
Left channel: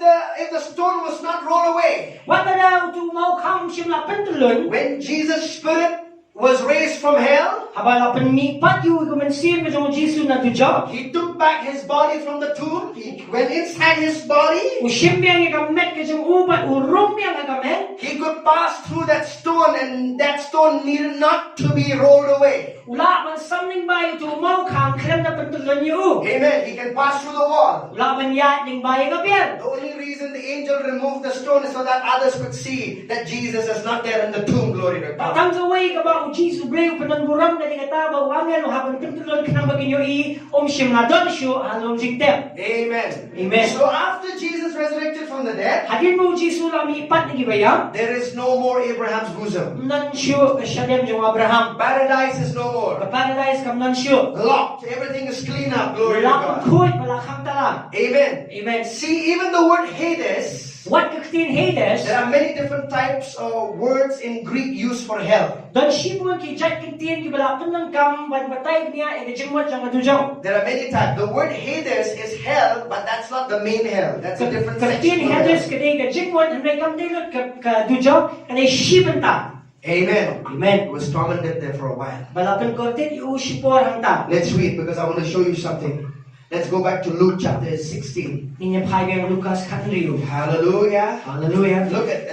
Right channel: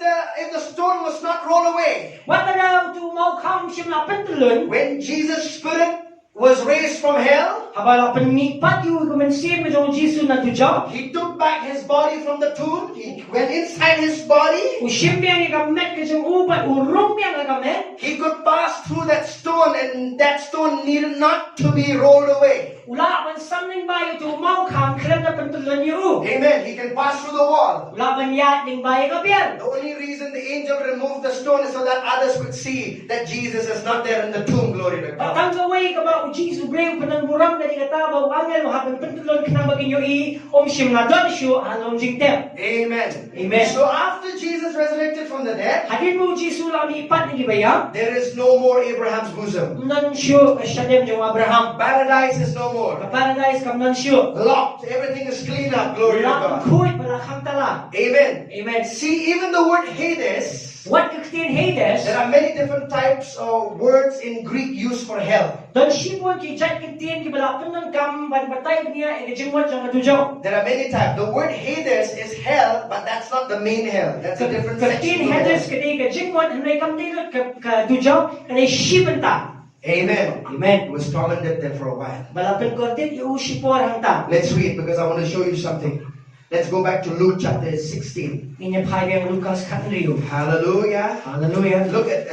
the stone was not rolled away, wala daw to maukhang siya na pintalon, when Jesus' spirit was raised from hell, Habala panipat yu kumensim jong Jisu na tujaw. He took back his body from the tomb. He went inside his body. Ushimbiang ikamet kajong upat urumbiang ikamet. He could pass through that stone, and that stone needed not to be rolled away. Ula man something bayo tu mau kham krem na pentulon yu. Amen. He can pass through the wall. Ula man yat ning bayo kapian. The only reason the angel removed the stone is so that others could see that Jesus is not there in the tomb. Glory to God. Patang kaway ka ba Jisu breu penangguram na dikata ba wangel haban pentulon kanang bagin yu I shim na don shu halong jingtem. Amen. Amen. So after Jesus resurrected from the dead, Hadin mo Jisu lang ipat ni bayang. there is no more Abraham's bosom. Nan shu kasyadem jong Abraham. Paradise is no more. Ka paradise kam nan shu. Locked. Everything is clean up. Glory to Ula God. kuit pala kham tala. Amen. Amen. See, even the word Hades, What kaktin Hades? there are many different types of words in Greek used for hell. Don shibun ki jat kaktin ki bala tunang kam ban batay niya e jingwat jang atujaw. There are many types. The word Hades is hell, but that's not the main hell. That's a different Kaktin section. of Hades hell. kadi ka jingwat hanay kam dilot ka tujaw kadi shibun ta. Amen. Amen. It was commented there for a while. Bala tun kortit yu shipor hang ta. Let's read because I want to show you something. Let's go back to Luke chapter 16. Ninya pai bang Lucas katliu. Hallelujah. Hallelujah. Look at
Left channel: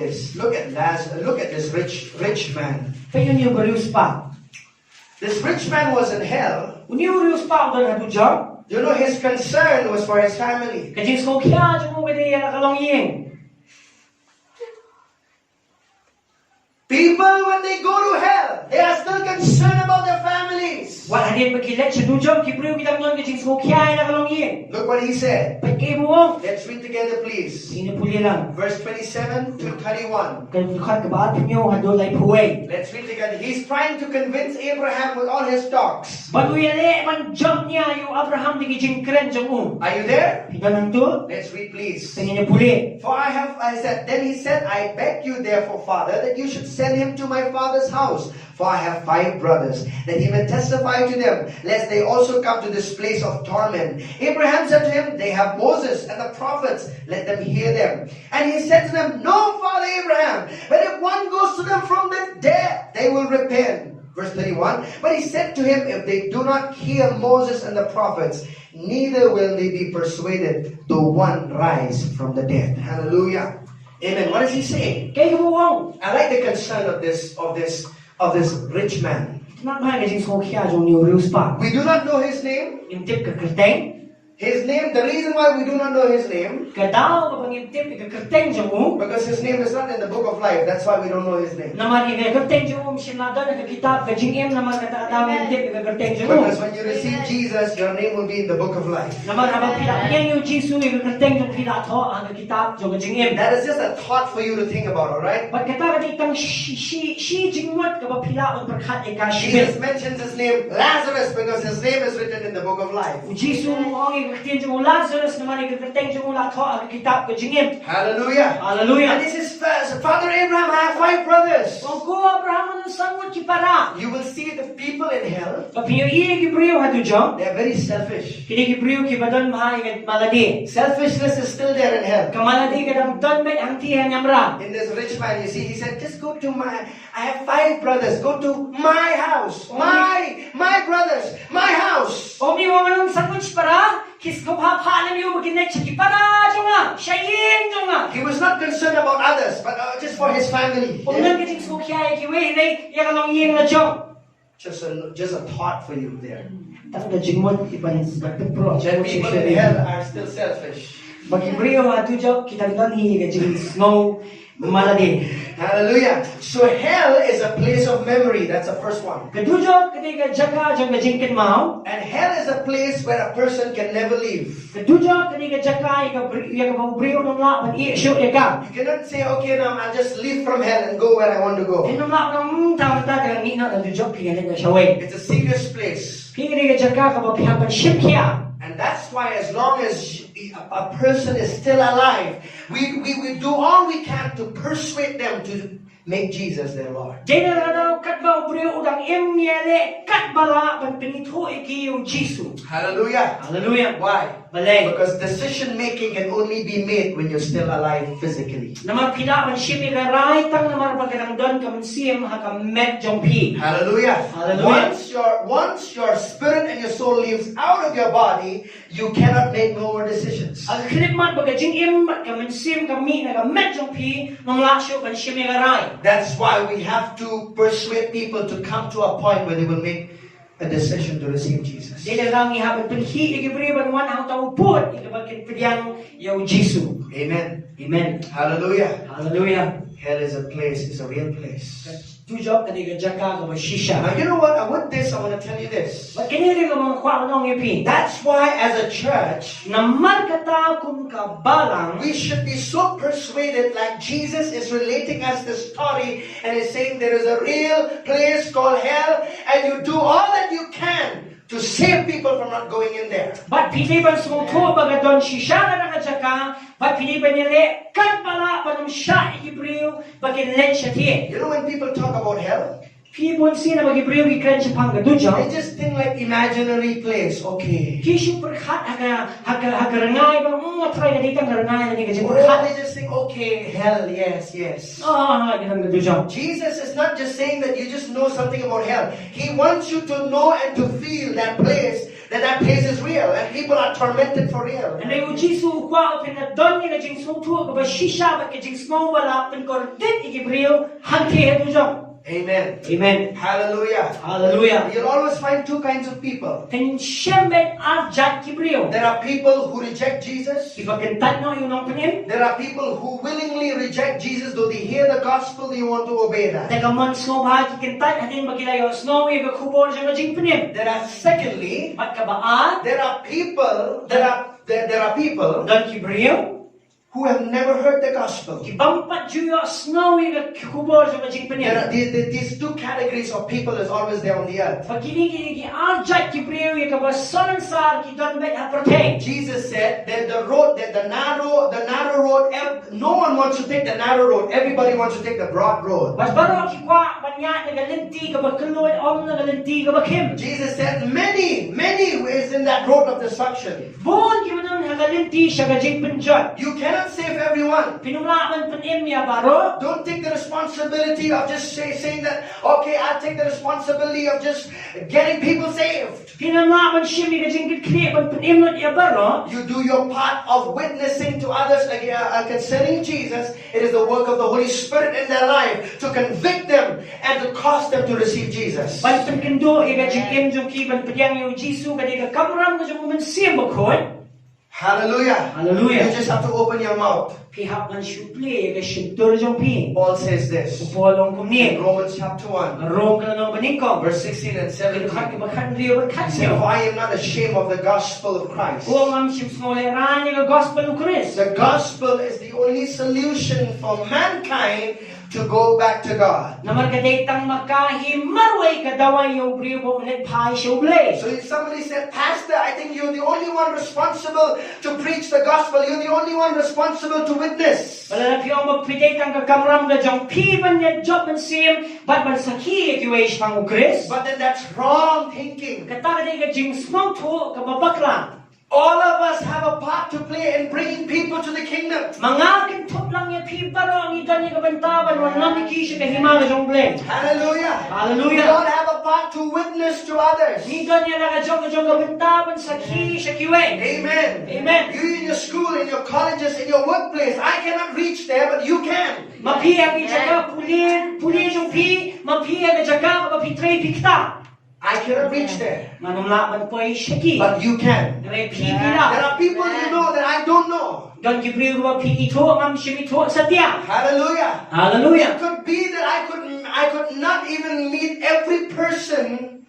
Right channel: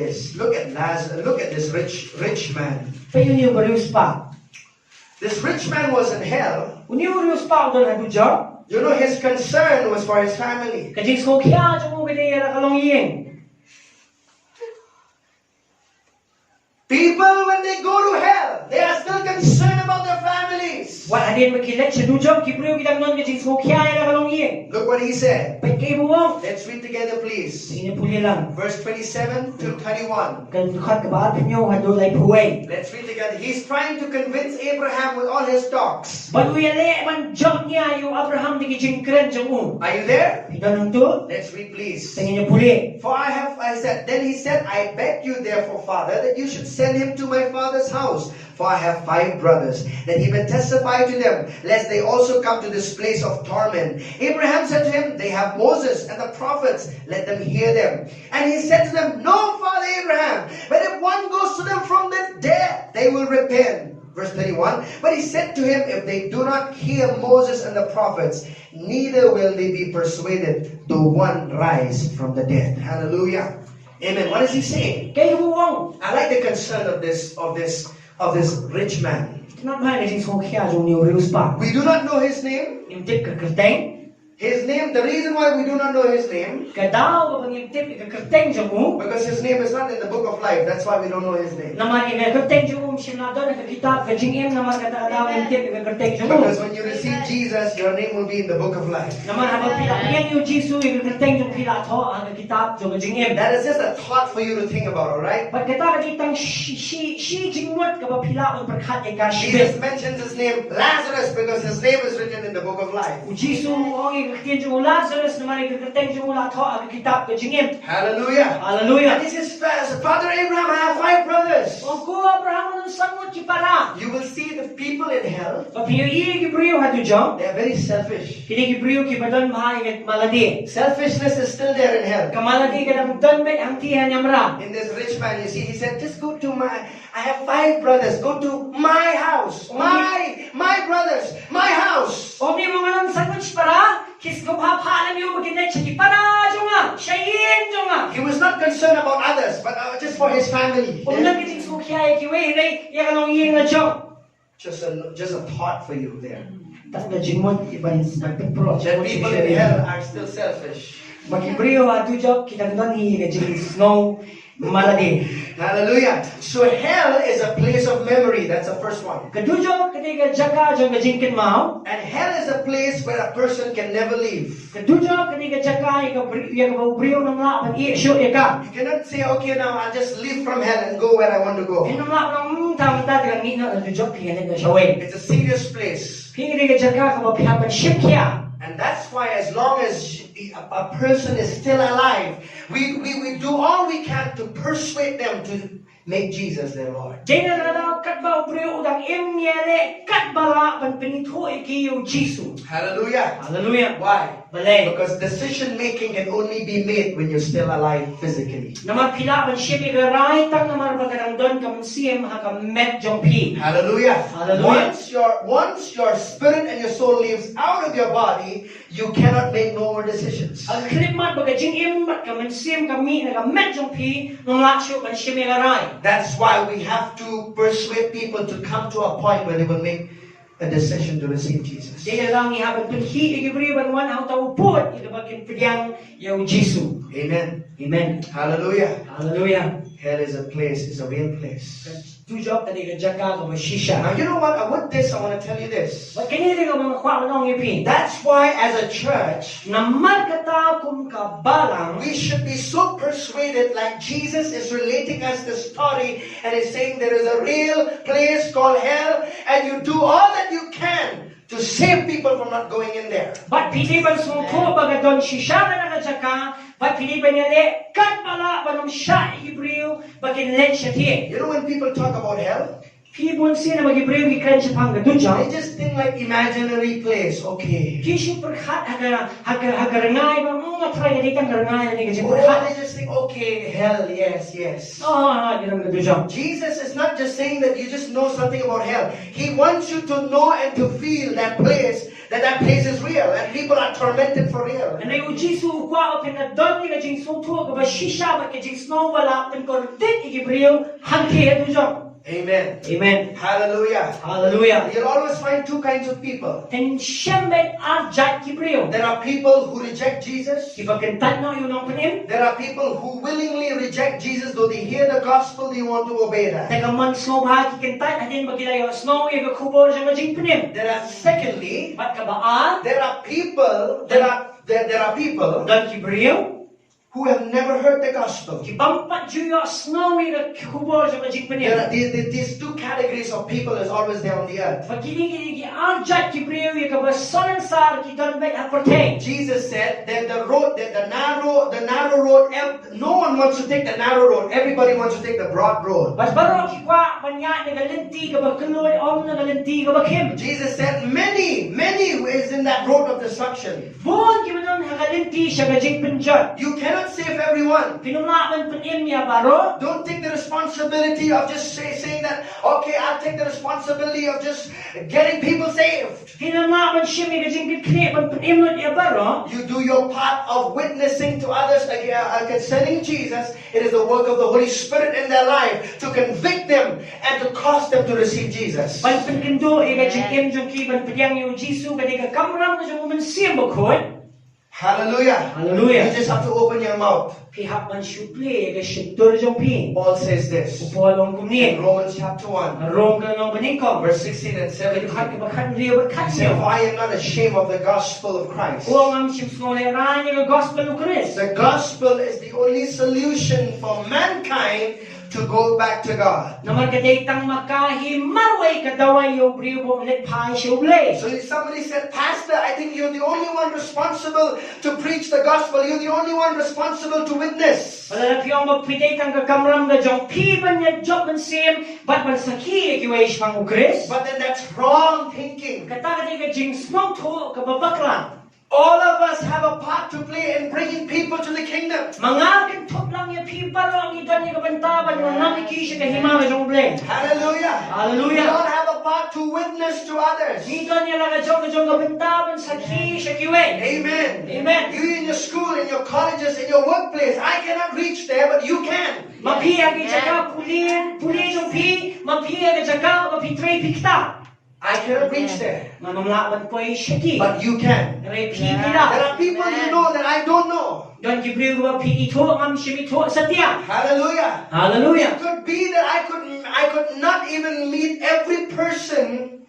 this. Look at this rich man. Fayon yu barius pa. This rich man was in hell. Uniu barius pa udon atujaw. You know, his concern was for his family. Kajis ko kya jung kadi ya kalong yeng. People, when they go to hell, they are still concerned about their families. Wa hadin makilet sa tujaw ki bariu bidang non kajis ko kya ya kalong yeng. Look what he said. Pagkay buwong. Let's read together, please. Sino puli lang. Verse 27 to 31. Kan dukat ka ba nyo hadolay puway. Let's read together. He's trying to convince Abraham with all his talks. Baduyale man jump niya yung Abraham di kijingkren jang Are you there? Hidanong to. Let's read, please. Tingin niyo puli. Then he said, I beg you therefore, Father, that you should send him to my father's house. For I have 5 brothers, that he may testify to them, lest they also come to this place of torment. Abraham said to him, they have Moses and the prophets, let them hear them. And he said to them, no, Father Abraham, but if one goes to them from the dead, they will repent. Verse 31, but he said to him, if they do not hear Moses and the prophets, neither will they be persuaded though one rise from the dead. Hallelujah. Amen. What is he saying? Kay buwong. I like the concern of this rich man. Not man kajing ko kya jang niyo rius pa. We do not know his name. Imtip ka kerteng. His name, the reason why we do not know his name, Kadaw ka pang imtip ka kerteng jang mo. because his name is not in the book of life. That's why we don't know his name. Naman ina kerteng jang mo sinada na kitab kajing em naman kadadam imtip ka kerteng jang mo. Because when you receive Jesus, your name will be in the book of life. Naman habang pinakyan yung Jisu yung kerteng jang pilato ang kitab jang kajing em. That is just a thought for you to think about, alright? Ba't kata kitang shi jingwat ka ba pila ang perkat ay Jesus kashibit. mentions his name Lazarus because his name is written in the book of life. O Jisu mo ang ikaktin jang Lazarus naman ikakateng jang lato ang kitab kajing em. Hallelujah. Hallelujah. And this is Father Abraham, I have 5 brothers. O ko Abraham ang sangot ki para. You will see the people in hell, Kapag iya gibriyo hatu jang. they are very selfish. Kini gibriyo ki badan mahay kat maladi. Selfishness is still there in hell. Kamaladi kadang donbet ang tihan yamra. In this rich man, you see, he said, just go to I have 5 brothers, go to my house. My brothers, my house. Omi mo manong sangot para. Kis ko papalan niyo maginay siya para jonga. Shayin jonga. He was not concerned about others, but just for his family. Kung nang kiting sukyay kiwe nay yakalong yeng na jong. Just a thought for you there. Tapos na jingmon iban sa pipro. That people in hell are still selfish. Magibriyo hatu jong kitang don hi kajing snow maladi. Hallelujah. So hell is a place of memory. That's the first one. Kadujo katiga jaka jong kajingkin mao. And hell is a place where a person can never leave. Kadujo katiga jaka ika briyo nang la pan isyo ika. You cannot say, okay, now I'll just leave from hell and go where I want to go. Kinong la nang tawag ta kang ina ang dujo kingan na siya way. It's a serious place. Kiniga jaka ka mapihapan ship kya. And that's why as long as a person is still alive, we do all we can to persuade them to make Jesus their Lord. Dena daw katba briyo udang imyele katbala pan pinito ikiyo Jisu. Hallelujah. Hallelujah. Why? Balay. Because decision making can only be made when you're still alive physically. Naman pila man siya igaray tang naman pagkatang don kaman siyem hakamet jong pi. Hallelujah. Hallelujah. Once your spirit and your soul leaves out of your body, you cannot make no more decisions. Ang klipmat bagajing im kaman siyem kami nakamet jong pi nung laksyo kan siya igaray. That's why we have to persuade people to come to a point where they will make a decision to receive Jesus. Dili lang ihabag pinhi igibriban wan ang taupod igabagin pidyang yaw Jesu. Amen. Amen. Hallelujah. Hallelujah. Hell is a place, it's a real place. Tujok kadi gajaka Now ka shisha. you know what? With this, I want to tell you this. But kinili nga mga kwa nong ipi. That's why as a church, Naman kata kum kabalang we should be so persuaded like Jesus is relating us the story and is saying there is a real place called hell and you do all that you can to save people from not going in there. But piliban sumuto bagadon shisha na nakajaka. But piliban nile kat pala panam siya igibriw bagin len siya tiye. You know when people talk about hell, Pilibon siya na magibriw ikren siya pang gadunja. they just think like imaginary place. Okay. Kisyo perhat hagarangay bang try na ditang garangay na kasi Or perhat. they just think, okay, hell, yes, yes. Ginang gadunja. Jesus is not just saying that you just know something about hell. He wants you to know and to feel that place is real and people are tormented for real. And ay ujisu kwa o pinadon ni jing sumuto ka ba shisha ba jing snow wala pinkordit igibriw hangke gadunja. Amen. Amen. Hallelujah. Hallelujah. You'll always find two kinds of people. And siyempre arjat kibriw. There are people who reject Jesus. Ipakentan no yung nong panim. There are people who willingly reject Jesus, though they hear the gospel, they want to obey that. Teka man snow ba kikentan hadin magilayo snow yung kubol sa majing panim. There are secondly, Mat kabaan there are people dan kibriw. who have never heard the gospel. Kibampat juyo snow yung kubol sa majing There are panim. these two categories of people is always there on the earth. Pag kinigigi arjat kibriw yung kabasanan sa kidan bet aperte. Jesus said that the narrow road, no one wants to take the narrow road. Everybody wants to take the broad road. Mas baro kikwa banya nagalinti kabagkalod om nagalinti kabakim. Jesus said many ways in that road of destruction. Buon kimanong nagalinti siya gajing penjot. You cannot save everyone. Pinumlaman panim niya baro. Don't take the responsibility of just saying that, okay, I'll take the responsibility of just getting people saved. Pinumlaman siya may gajing kikne pan panim niya baro. You do your part of witnessing to others concerning Jesus. It is the work of the Holy Spirit in their life to convict them and to cause them to receive Jesus. Pan pankendo gajing imjong kiban padyang yung Jisu kadiga kamram gajing umansiyang bakod. Hallelujah. Hallelujah. You just have to open your mouth. Pihak man syuple gajing jong pi. Paul says this Upolong in kumni. Romans chapter 1, Arong ka nang paningkong. verse 16 and 17. Kinuhat kibakan riyo He berkat said, niyo. "For I am not ashamed of the gospel of Christ." Kung ang simsnoleran yung gospel ng Christ. The gospel is the only solution for mankind to go back to God. Naman kadaytang makahimarway kadaway yung briyo po ulit pay siya ublay. So if somebody said, Pastor, I think you're the only one responsible to preach the gospel. You're the only one responsible to witness. Wala na piyong magpidaytang kakamram na jong piban niya job man siyem, bat man sakhi ikiwais pang Christ. But then that's wrong thinking. Katakaday ka jing smog to kababaklan. All of us have a part to play in bringing people to the kingdom. Mga kintop lang yung pibaro ang idan niya kabantaban, mga namikisya kahimaga jong blay. Hallelujah. Hallelujah. We all have a part to witness to others. Idan niya lang jong kabantaban sakhi siya kiway. Amen. Amen. You in your school, in your colleges, in your workplace, I cannot reach there, but you can. Mapiyag ijaka pulin yung pi, mapiyag ijaka mapitray pikta. I cannot reach there, Manumlaman po ay syaki. but you can. Naray There pipila. are people you know that I don't know. Don gibriw ba ito ang simito sa tiya. Hallelujah. Hallelujah. It could be that I could not even meet every person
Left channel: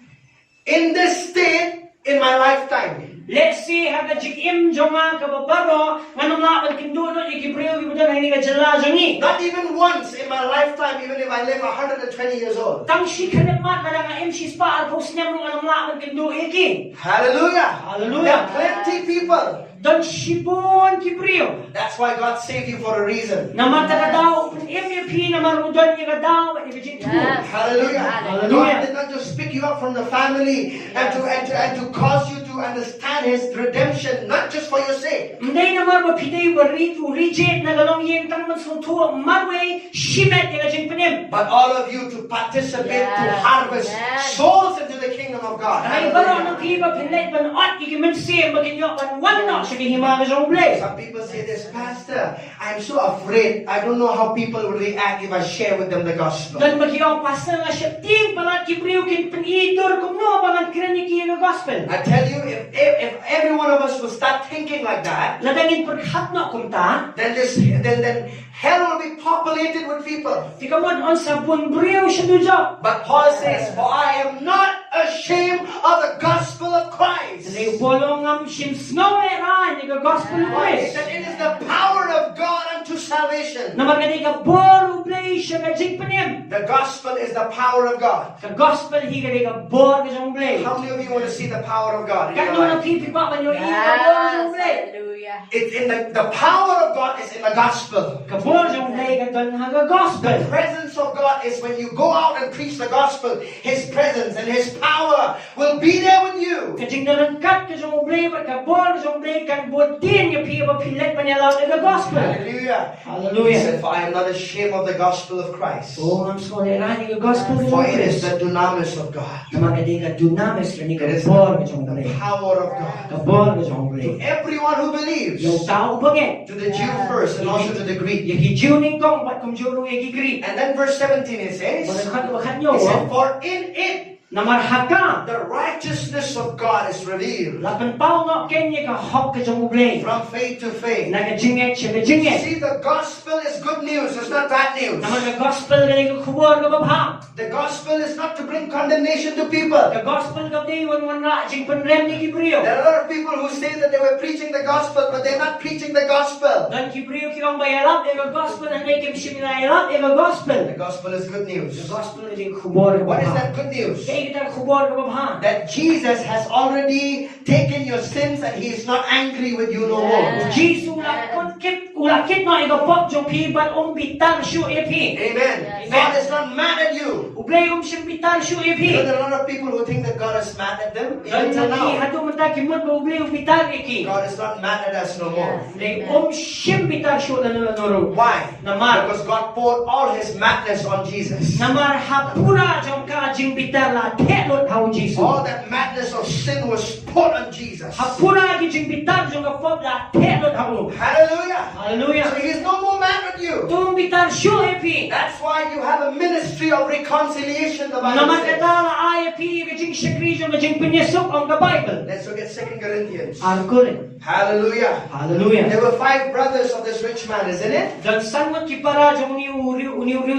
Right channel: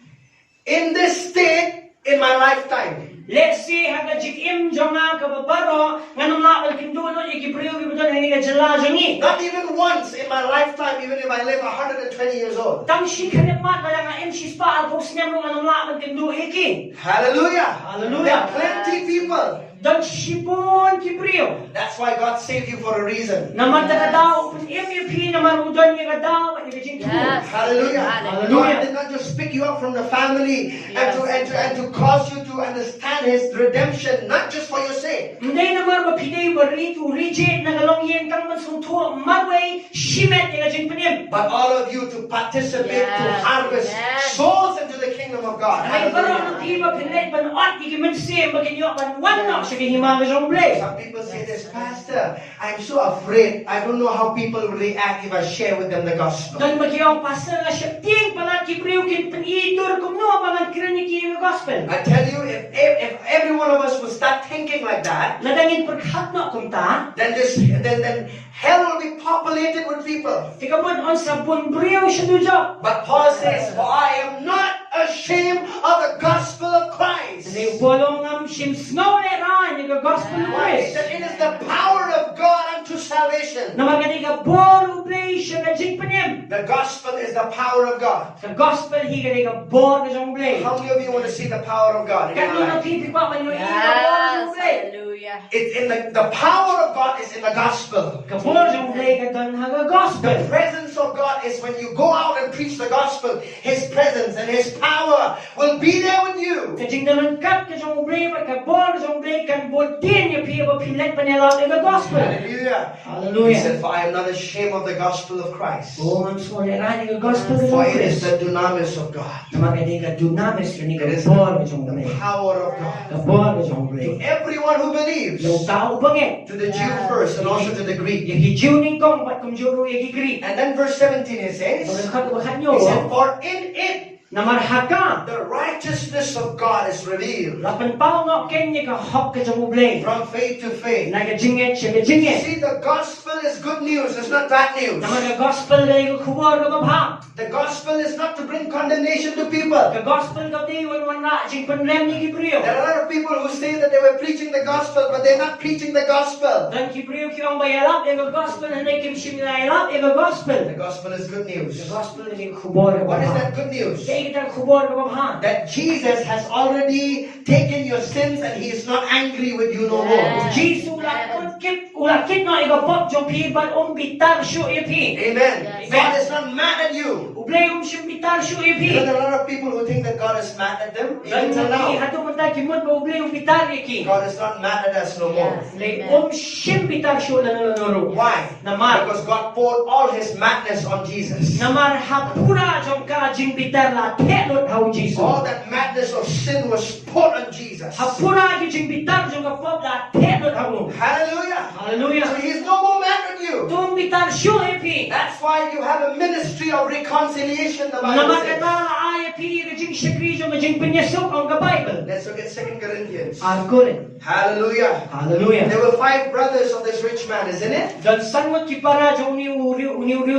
in this state in my lifetime. Let's see haga jikim jonga kababaro manumlaman kindulo igibriw gibudon ay nga jala jongi. Not even once in my lifetime, even if I live 120 years old. Tam shi kanemat wala nga MC spa al pos niya mong anumlaman kindu iki. Hallelujah. There Hallelujah. are plenty people Dan sibon Kibriyo. That's why God saved you for a reason. Naman tagadaw pun MVP naman udan ni kadaw ni kajing tu. Hallelujah. Hallelujah. God did not just pick you up from the family and to cause you to understand His redemption, not just for your sake. Hindi naman mapiday barit reject na galong yem tang masunto marway shimet ni kajing penim. But all of you to participate, to harvest souls into the kingdom of God. Ay baro ng kiba pinet ban ot ikimen siya maginyo kan wanno sa himanga jong blay. Some people say this, Pastor, I'm so afraid. I don't know how people will react if I share with them the gospel. Dan magyong pastor nga siya ting pala Kibriyo kin panitor kum no bangan kraniki ng gospel. I tell you, if every one of us will start thinking like that, Ladangin perhatno kum ta. then hell will be populated with people. Tikamon on sa bunbriyo siya dujo. But Paul says, for I am not ashamed of the gospel of Christ. Ni bolong am sim snow era ni gospel Christ. That it is the power of God unto salvation. Na magani ka bor ublay siya ka jing penim. The gospel is the power of God. Ka gospel hi ka ka bor ka jong blay. How many of you want to see the power of God in your Kano na life? pipi pa man yo i ka bor jong blay. Hallelujah. It's in the power of God is in the gospel. Ka bor jong blay ka don ha ka gospel. The presence of God is when you go out and preach the gospel. His presence and His power will be there with you. Ka jing dalan kat ka jong blay ka bor ka jong blay kan bodin yo pi ba pilet pa niya ka gospel. Hallelujah. He Hallelujah. said, for I am not ashamed of the gospel of Christ. Oh, I'm sorry, era ni ka gospel For ni it is Christ. the dunamis of God. Na magani ka dunamis ni ka It is bor ka jong the blay. power of God. Ka bor ka jong To blay. everyone who believes, Yung tao bangin. to the Jew first and also to the Greek. Yagi juning kong bat kong juro yagi gri. And then verse 17 it says, Magkakabahan he nyo, said, for in it na marhaga. the righteousness of God is revealed Lapan pao nga kenya ka hok ka jong ublay. from faith to faith. Nagajinget siya gajinget. See, the gospel is good news, it's not bad news. Na mga gospel ka yung kuwar ka babha. The gospel is not to bring condemnation to people. Ka gospel ka di wan na jing panrem ni Kibriyo. There are a lot of people who say that they were preaching the gospel, but they're not preaching the gospel. Dan Kibriyo ki ang bayalap ega gospel na kim siminayalap ega gospel. The gospel is good news. The gospel ka yung kuwar ka What is babha. that good news? Kaya kita kuwar ka babha. That Jesus has already taken your sins and He is not angry with you no more. Jesus ulakit na ega pop jong pi bat bitar shu epi. Amen. God is not mad at you. Ublay sim bitar shu Because epi. there are a lot of people who think that God is mad at them, even Dan till lagi now. hatu mata kimot ba ublay bitar eki. God is not mad at us no more. Lay sim bitar shu nanuro. Why? Namar Because God poured all His madness on Jesus. namar hapura jong ka jing bitar la telot hau Jesus. All that madness of sin was poured on Jesus. Hapura ki jing bitar jong ka pop la telot hau. Hallelujah. So Hallelujah. He's no more mad at you. Tum bitar shu epi. That's why you have a ministry of reconciliation, the Bible Namar says. kata ay epi ka jing shakri jong ka jing penyesok ang ka Bible. Let's look at 2 Corinthians. Arkurin. Hallelujah. Hallelujah. There were 5 brothers of this rich man, isn't it? Dan sangot ki para jong ni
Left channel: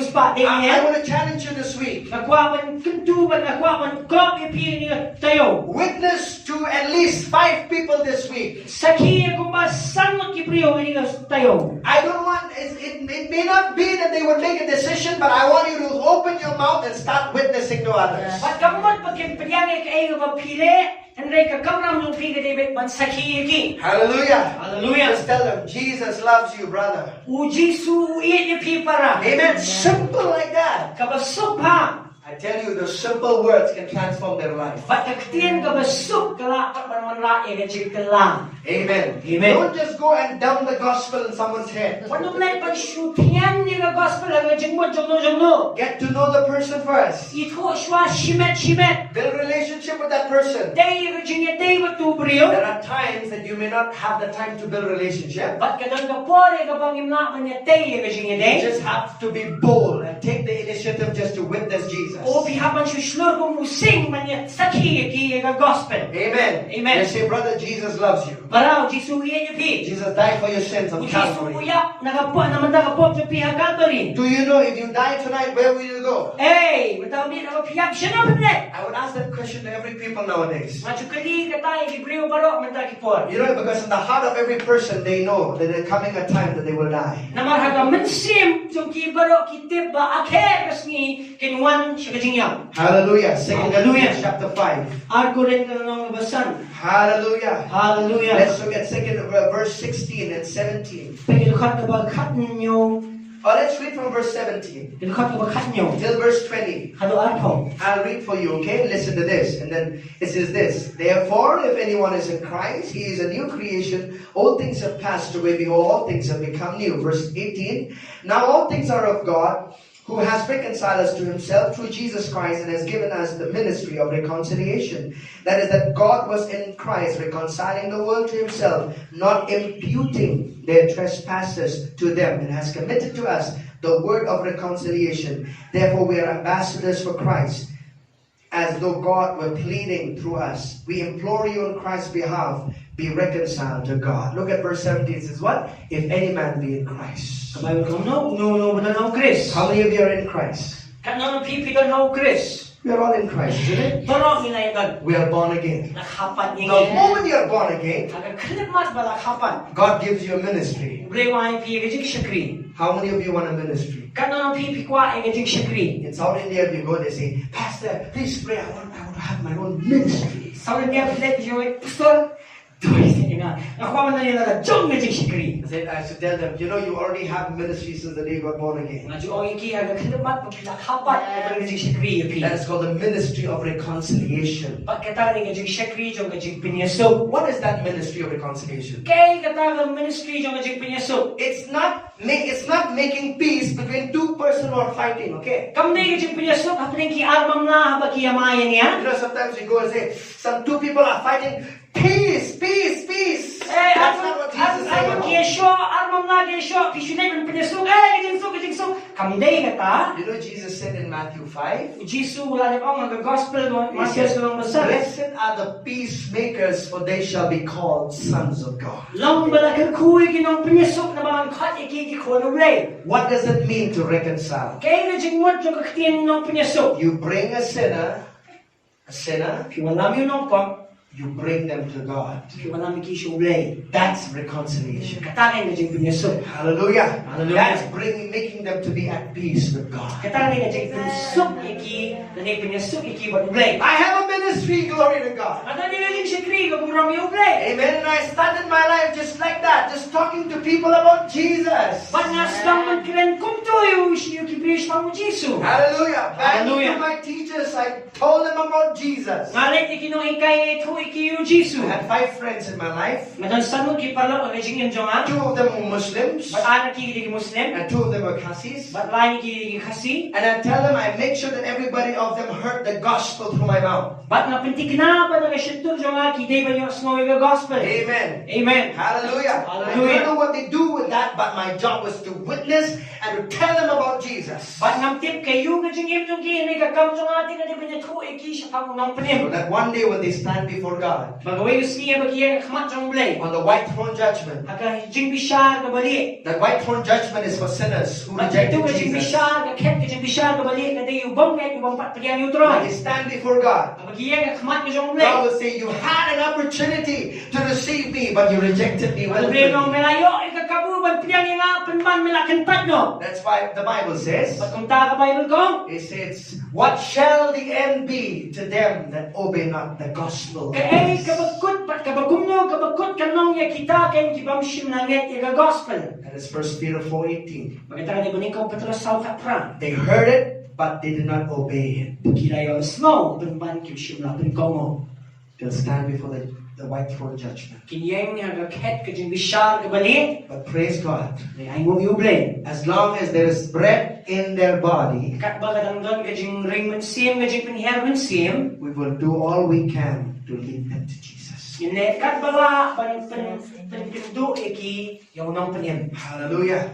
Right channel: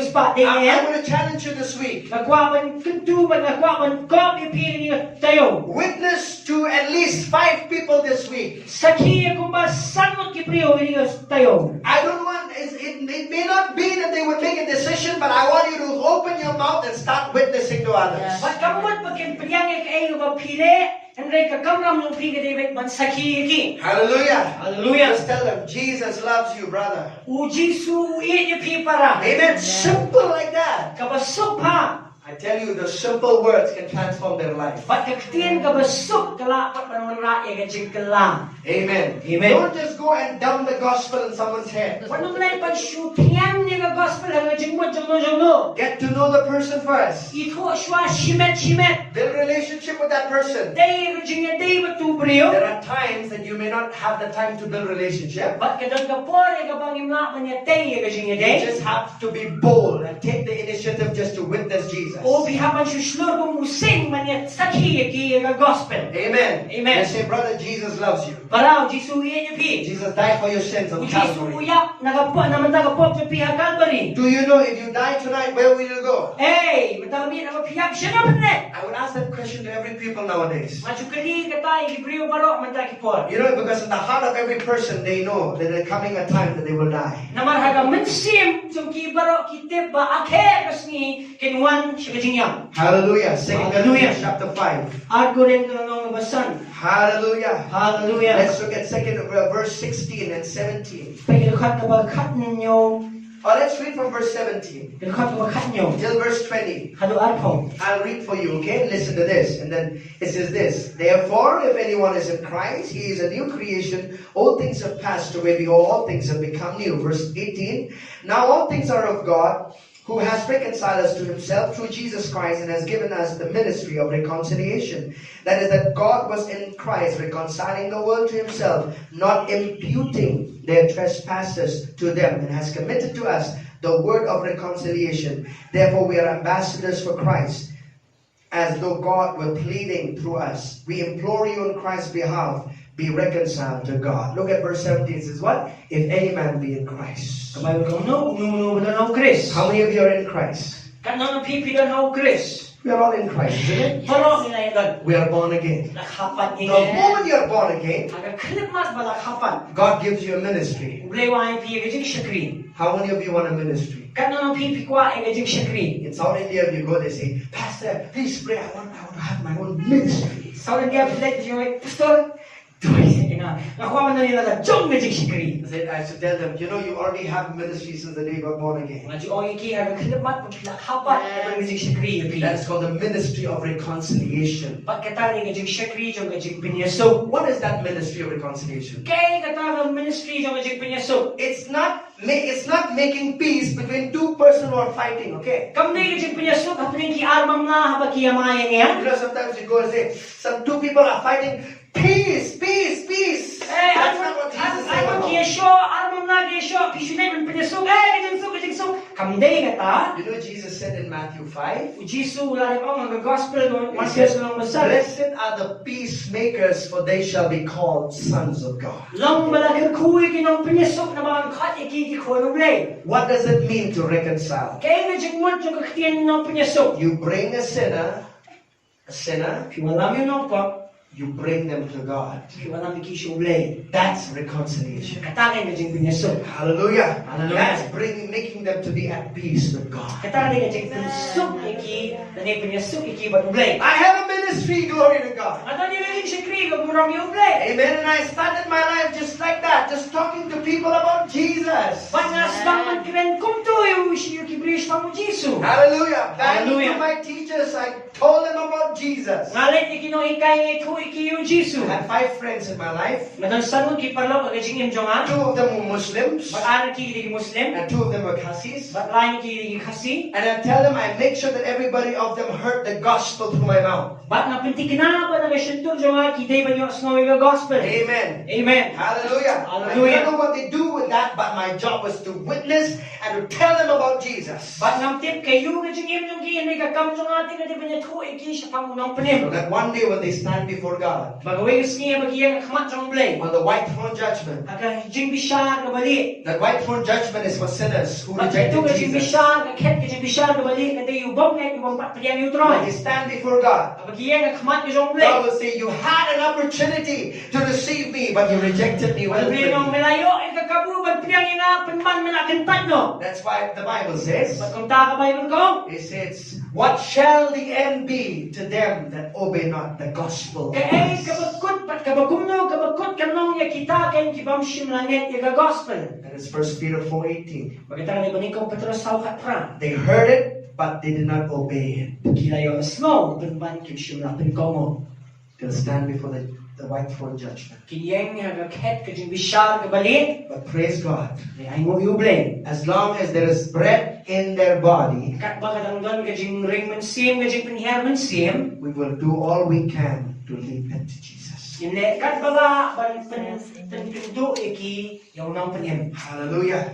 spot I dengan. want to challenge you this week. Nagwaban kentuban nagwaban kop ipiri ni tayo. Witness to at least 5 people this week. Sakhi kung ba sangot ki priyo ni tayo. I don't want, it may not be that they would make a decision, but I want you to open your mouth and start witnessing to others. At kamot pagkipiyangay kayo mapili, andray kakamram yung piga David man sakhi ki. Hallelujah. Hallelujah. Just tell them, Jesus loves you, brother. U Jisu iye pi para. Amen. Simple like that. Kabasok ha. I tell you, the simple words can transform their life. Bat kaktiyan kabasok kalapat man raya ka jikala. Amen. Amen. Don't just go and dump the gospel in someone's head. Wano malay pagsyutiyan niya ka gospel ang jingmo jongno. Get to know the person first. Ito siya shimet. Build relationship with that person. Day Virginia day matubriyo. There are times that you may not have the time to build relationship. Bat kadang kapore ka bang imna man niya day Virginia You day. just have to be bold and take the initiative just to witness Jesus. O bihapan suslur kung musing man niya sakhi ki ka gospel. Amen. Amen. They say, brother, Jesus loves you. Parang Jisu iye niya pi. Jesus died for your sins on Jisu Calvary. uyak nagapo naman nagapop sa piha Calvary. Do you know if you die tonight, where will you go? Hey, matami na mapiyap siya naman ne. I would ask that question to every people nowadays. Machukali ka tayo gibriyo baro man takipor. You know, because in the heart of every person, they know that there's coming a time that they will die. Namarhaga mensim jong ki baro kitip ba akher kasni kinwan man siya kajing yam. Hallelujah. 2 Hallelujah. Corinthians chapter 5. Arko rin ka nang basan. Hallelujah. Hallelujah. Let's look at verse 16 and 17. Pagkakot na ba kat ninyo? Oh, let's read from verse 17 Pagkakot na ba kat nyo? till verse 20. Halo arko. I'll read for you, okay? Listen to this. And then it says this. Therefore, if anyone is in Christ, he is a new creation. All things have passed away. Behold, all things have become new. Verse 18. Now all things are of God, who has reconciled us to himself through Jesus Christ and has given us the ministry of reconciliation. That is, that God was in Christ reconciling the world to himself, not imputing their trespasses to them, and has committed to us the word of reconciliation. Therefore we are ambassadors for Christ, as though God were pleading through us. We implore you on Christ's behalf, be reconciled to God. Look at verse 17. It says what? If any man be in Christ. Kamay ko no ba na Chris? How many of you are in Christ? Kanano pipigan na Chris? We are all in Christ, isn't it? Pero inayagan. We are born again. Lakhapan The ingay. moment you are born again, Aga klipmas ba lakhapan? God gives you a ministry. Blewa ay pigajing shakri. How many of you want a ministry? Kanano pipikwa ay gajing shakri. In South India, if you go, they say, Pastor, please pray. I want to have my own ministry. Sa niya plate yo ay pastor. Tuloy sa ina. Nakuha na nila na jong gajing shakri. I should tell them, you know, you already have a ministry since the day you got born again. Nga jo ay ki aga klipmat lakhapan ay gajing shakri yo pi. That is called the ministry of reconciliation. Pagkatara ni gajing shakri jo gajing pinyaso. What is that ministry of reconciliation? Kay katara ministry jo gajing pinyaso. It's not making peace between two persons who are fighting, okay? Kamday gajing pinyaso kapring ki armam na habaki yamayan niya. You know, sometimes we go and say, some two people are fighting, peace, peace, peace. That's not what Jesus said. You know, Jesus said in Matthew 5, Blessed are the peacemakers, for they shall be called sons of God. What does it mean to reconcile? You bring a sinner, you bring them to God. That's reconciliation. Hallelujah. That's making them to be at peace with God. I have a ministry, glory to God. Amen. And I started my life just like that, just talking to people about Jesus. Hallelujah. Back to my teachers, I told them about Jesus. I had 5 friends in my life. 2 of them were Muslims, and 2 of them were Khasis. And I tell them, I make sure that everybody of them heard the gospel through my mouth. Amen. Amen. Hallelujah. I don't know what they do with that, but my job was to witness and to tell them about Jesus. So that one day when they stand before God on the white throne judgment, that white throne judgment is for sinners who rejected Jesus. When they stand before God, God will say, you had an opportunity to receive me, but you rejected me. That's why the Bible says, it says, what shall the end be to them that obey not the gospel? That is 1 Peter 4:18. They heard it, but they did not obey it. They'll stand before the white throne judgment. But praise God, as long as there is breath in their body, we will do all we can to lead them to Jesus. Hallelujah.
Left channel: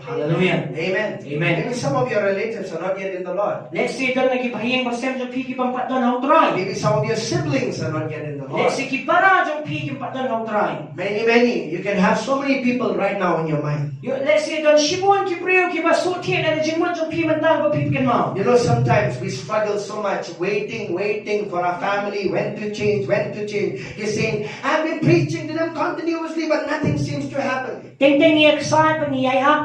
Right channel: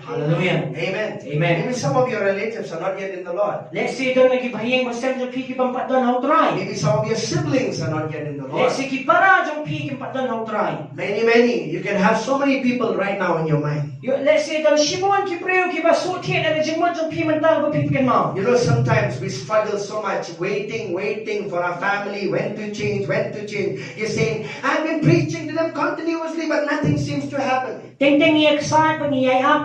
Hallelujah. Amen. Amen. Maybe some of your relatives are not yet in the Lord. Maybe some of your siblings are not yet in the Lord. Many. You can have so many people right now in your mind. You know, sometimes we struggle so much, waiting for our family, when to change. You're saying, I've been preaching to them continuously, but nothing seems to happen. Teng-teng niya kasal, pangiyayap,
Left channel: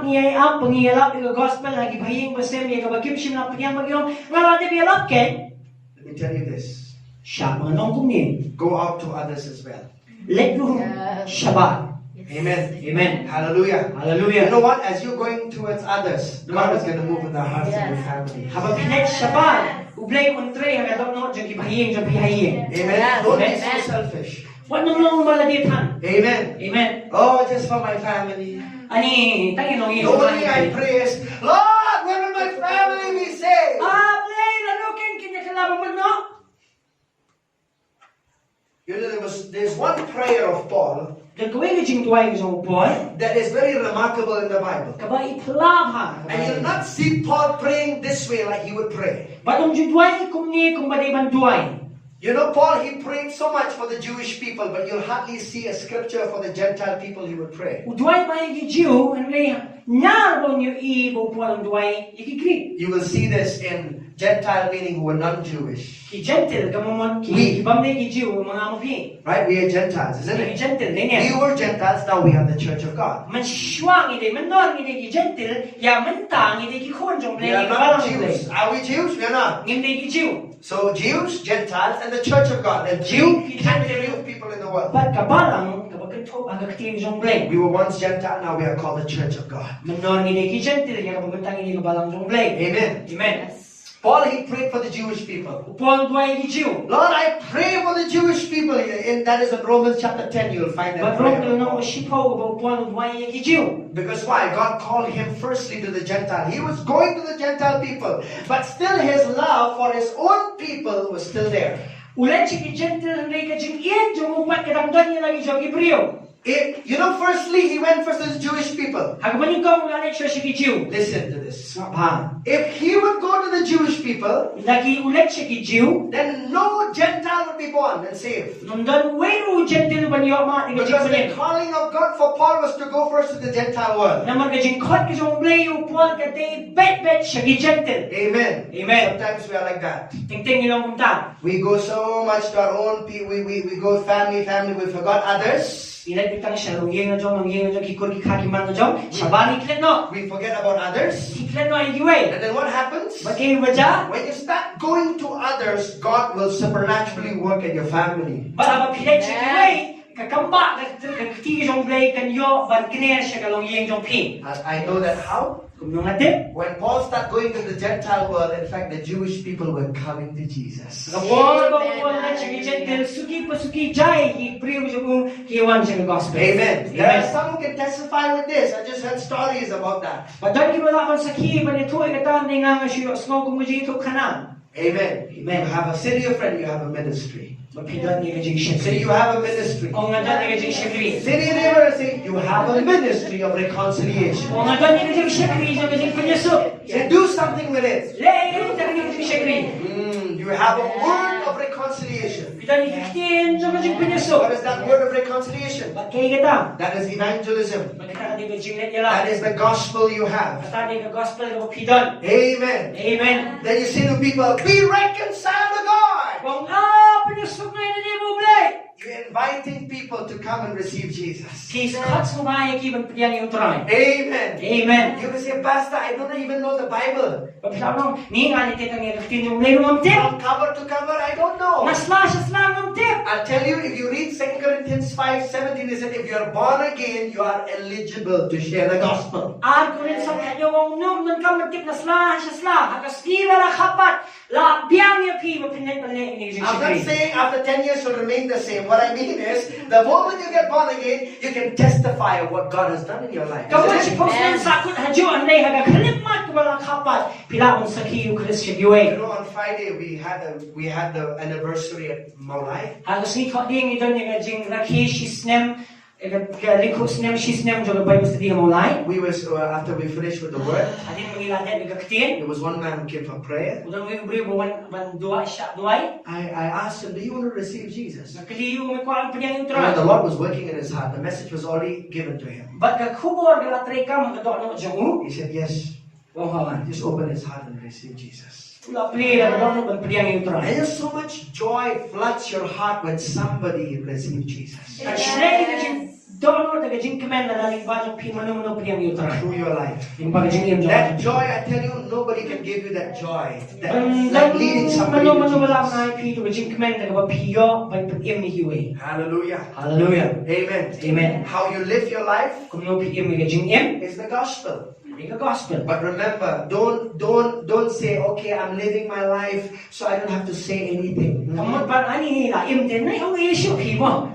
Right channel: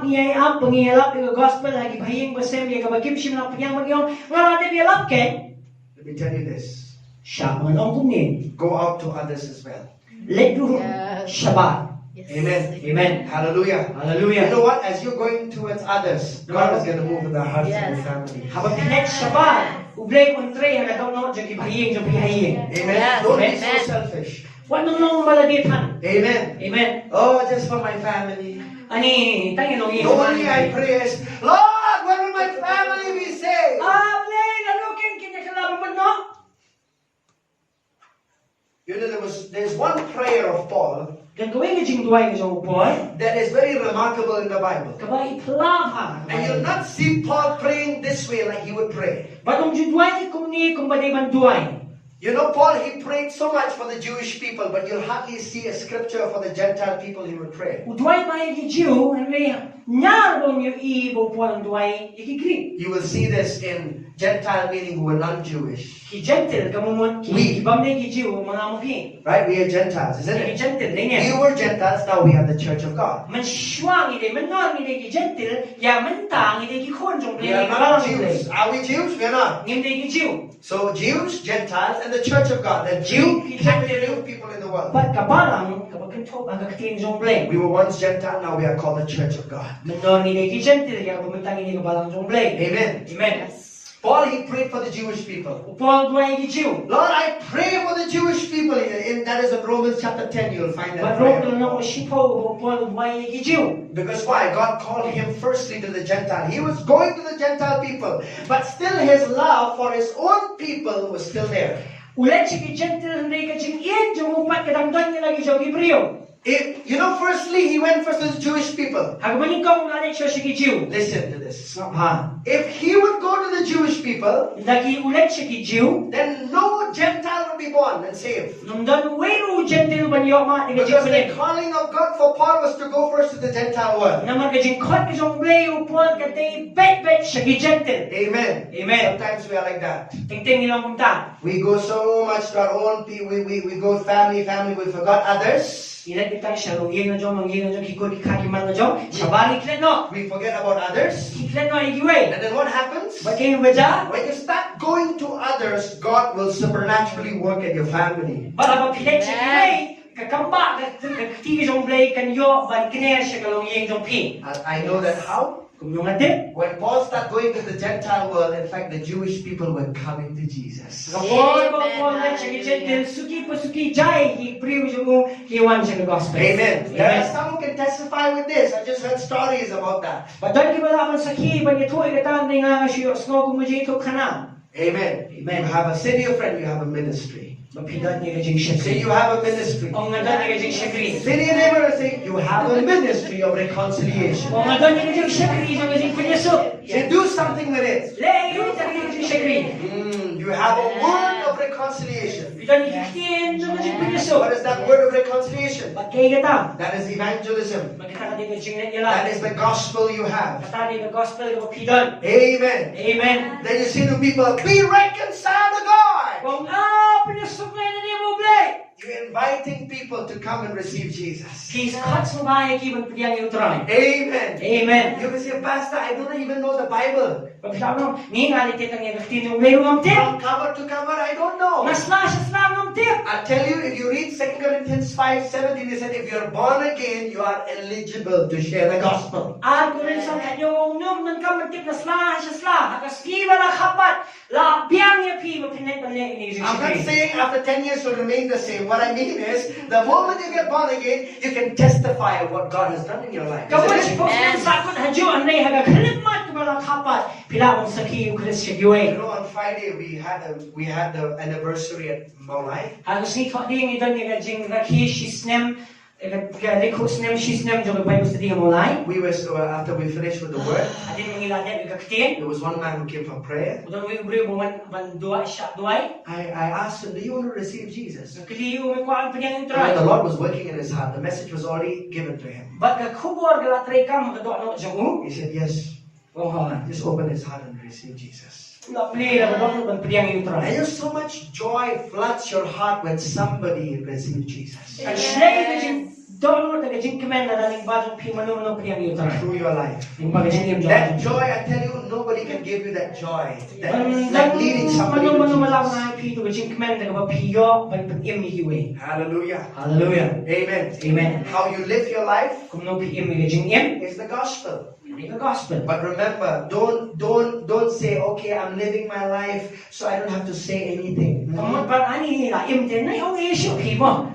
pangiyalap, yung gospel, lagi bahing basem, yung kabagkipsim lang panyang magyong, ngayon biyalap ken, Let me tell you this. siya mga nong kumnin. Go out to others as well. Let go, siya ba? Amen. Amen. Hallelujah. Hallelujah. You know what? As you're going towards others, God is going to move in the hearts of your family. Habang pinet siya ba? Ublay kontre, hanggang no, dyan kibahing, dyan pihahing. Amen. Don't be so selfish. Wano nung malagitan. Amen. Amen. Oh, just for my family. Ani, tayo nung The only I pray is, Lord, when will my family be saved? Blay, lalukin, kinyakalaban mo, no? You know, there's one prayer of Paul Dan gawin ka jing tuway ka boy. that is very remarkable in the Bible. Kaba itlab ha. And you'll not see Paul praying this way like he would pray. Batong judway kumni kung badi man duway. You know, Paul, he prayed so much for the Jewish people, but you'll hardly see a scripture for the Gentile people he would pray. Udway ba yung Jew, hindi nyarbon yung ibo po ang duway, ikigri. You will see this in Gentile meaning who were non-Jewish. Ki gentle, kamumon, We. ki ibang na yung Jew, mga amuhi. Right? We are Gentiles, isn't Ki it? gentle, din We yan. were Gentiles, now we are the church of God. Man shuang ide, man non ide ki gentle, ya man tang ide ki kon jong We play, are ki not balang Jews. play. Are we Jews? We are not. Ngindi ki Jew. So Jews, Gentiles, and the church of God. The Jew, Gentile people in the world. But kabalang, kapag kito, ang kakitin jong play. We were once Gentile, now we are called the church of God. Man non ide ki gentle, ya kapag mantang ide ki balang jong play. Amen. Amen. Paul, he prayed for the Jewish people. Upol duway ki Jew. Lord, I pray for the Jewish people. In that is in Romans chapter 10, you'll find that But prayer. Rome no shipo upol duway ki Jew. Because why? God called him firstly to the Gentile. He was going to the Gentile people, but still his love for his own people was still there. Ulit siya ki gentle, hindi ka jing iyan, jong upat kadangdan niya lagi siya Hebreo. You know, firstly, he went first to the Jewish people. Hagaman yung kong ulit siya si ki Jew. Listen to this. Ha. If he would go to the Jewish people, Lagi ulit siya ki Jew. then no Gentile would be born and saved. Nundan wero gentle ba niyo ma ni Because ka the calling of God for Paul was to go first to the Gentile world. na magajing kot ka jong play upol ka day bet siya ki gentle. Amen. Amen. Sometimes we are like that. Tingting nilang kumta. We go so much to our own people. We go family. We forgot others. Ilan kitang siya lungyeng na jong kikul kikaki man na jong. Siya balik lang no. We forget about others. Kiklan no ay giway. And then what happens? Bagay ba dyan? When you start going to others, God will supernaturally work in your family. Bala ba pilet siya giway? Kakamba, kakativi jong blay kanyo, ban kiner siya kalungyeng jong pi. And I know that how? Kung nung natin, When Paul started going to the Gentile world, in fact, the Jewish people were coming to Jesus. kapol ba po na siya gijentil, suki pa suki jay, ipriw siya mo, kiwan siya ng gospel. Amen. There are Amen. some who can testify with this. I just heard stories about that. Badan ki wala man sa ki, ban ito ay katan na nga siya, snow kung mo ito kanang. Amen. Amen. You have a city of friend, you have a ministry. Mapidan niya kajing siya. Say you have a ministry. O nga dan niya kajing siya kri. Say to your neighbor and say, you have a ministry of reconciliation. O nga dan niya kajing siya kri, siya kajing panyasot. Say, do something with it. Lay, yun siya kajing siya kri. You have a word of reconciliation. Bidan niya kakitin, siya kajing panyasot. What is that word of reconciliation? Bagay kata. That is evangelism. Magkita ka dito kajing net yala. That is the gospel you have. Kata niya gospel ko pidan. Amen. Amen. Then you say to people, be reconciled to God. Kung pinasok na yun ni mo, blay. You're inviting people to come and receive Jesus. Kis cuts mo ba yung kibang pidyan yung try. Amen. Amen. You can say, Pastor, I don't even know the Bible. Pagsabi mo, ni nga ni kitang yung kakitin yung lero ng tip. From cover to cover, I don't know. Nasla siya sla ng tip. I'll tell you, if you read 2 Corinthians 5:17, it said, if you're born again, you are eligible to share the gospel. At kung rin sa kanyo ang nung nung kamatip na sla siya sla. Hagas kiwa la kapat. La biyang yung kiwa pinay pala yung I'm not saying after 10 years you'll remain the same. What I mean is, the moment you get born again, you can testify of what God has done in your life. Kapag Isn't si it? Pops ng sakot hadyo ang nay haga kanigmat ko ba kapat. Pila akong sa kiyo Chris siya giway. You know, on Friday we had the anniversary at Maulai. Halos ni ko ding ito ni kajing rakhi shisnem likho snem shisnem jo bay basta di mo lai. We were after we finished with the word. Adin mangiladet bigaktin. There was one man who came for prayer. Udan wi ubri mo ban dua siya duay. I asked him, do you want to receive Jesus? Nakaliyo mo ko ang panyang And intro. the Lord was working in his heart. The message was already given to him. But ka kubor gala tray ka mo kado ano jangu. He said, yes. Wong hawan. Just open his heart and receive Jesus. Ula pli la don ban priang yu And try. there's so much joy floods your heart when somebody receives Jesus Kan shlei ka jing don daga jing kemen na daling ba jong pi manum no priang yu try. through your life. Yung pag jing yum That jong. joy, I tell you, nobody can give you that joy. That's like leading somebody Manum to manum wala Jesus. na pi to jing kemen daga ba pi yo ban pan im ni hiwe. Hallelujah. Hallelujah. Amen. Amen. How you live your life Kung no pi im ni jing im, is the gospel. ni ka gospel. But remember, don't say, okay, I'm living my life, so I don't have to say anything. Kamot pan ani la im din na yung issue pi mo.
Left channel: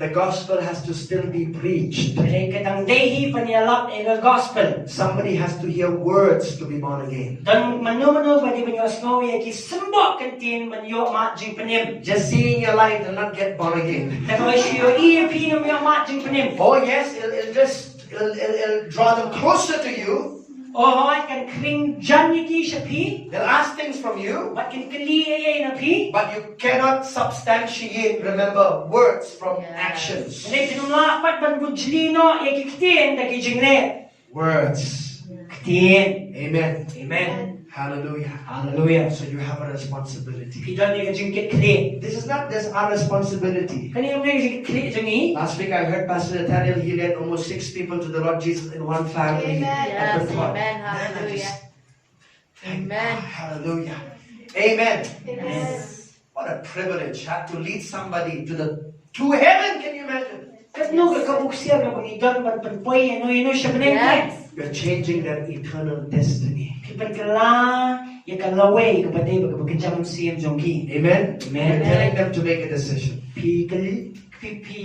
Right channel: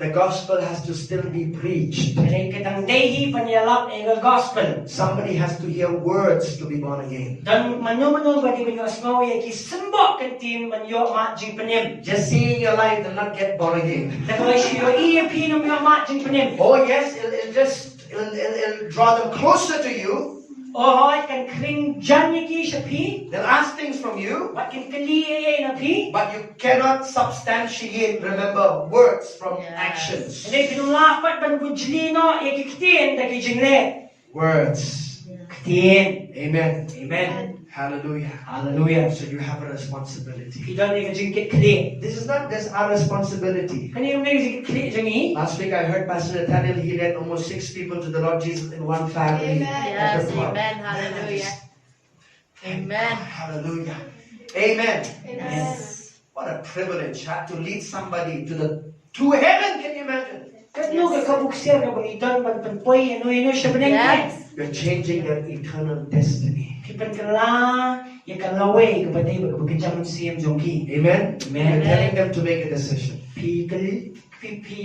The gospel has to still be preached. Kaya katang dehi panialap e gospel. Somebody has to hear words to be born again. Dan manu-manu bagi banyo asmaw ya ki sembok kantin manyo ma jing penim. Just seeing your life and not get born again. Nakaway siyo iya pinum yung ma jing penim. Oh yes, it'll draw them closer to you. Oh, kan kring jan ki siya pi. They'll ask things from you, Wat kin kali na pi. but you cannot substantiate, remember, words from actions. Hindi pinulapat ban bujlino ya ki kitin da ki jingle. Words. Kitin. Amen. Amen. Hallelujah. Hallelujah. So you have a responsibility. Pidal ni ka jing kli. This is not just our responsibility. Kani yung nang jing kli jangi. Last week I heard Pastor Nathaniel, he led almost 6 people to the Lord Jesus in one family. at Yes, the club. amen. Hallelujah. Amen. Hallelujah. Amen. Yes. What a privilege to lead somebody to heaven. Can you imagine? Kat no ka kabuksir ka bangidan ban panpoy ano siya banengke. Yes. You're changing their eternal destiny. Kipan kala ya kalaway kapatay bagkajam siyam jongki. Amen. Amen. You're telling them to make a decision. Pi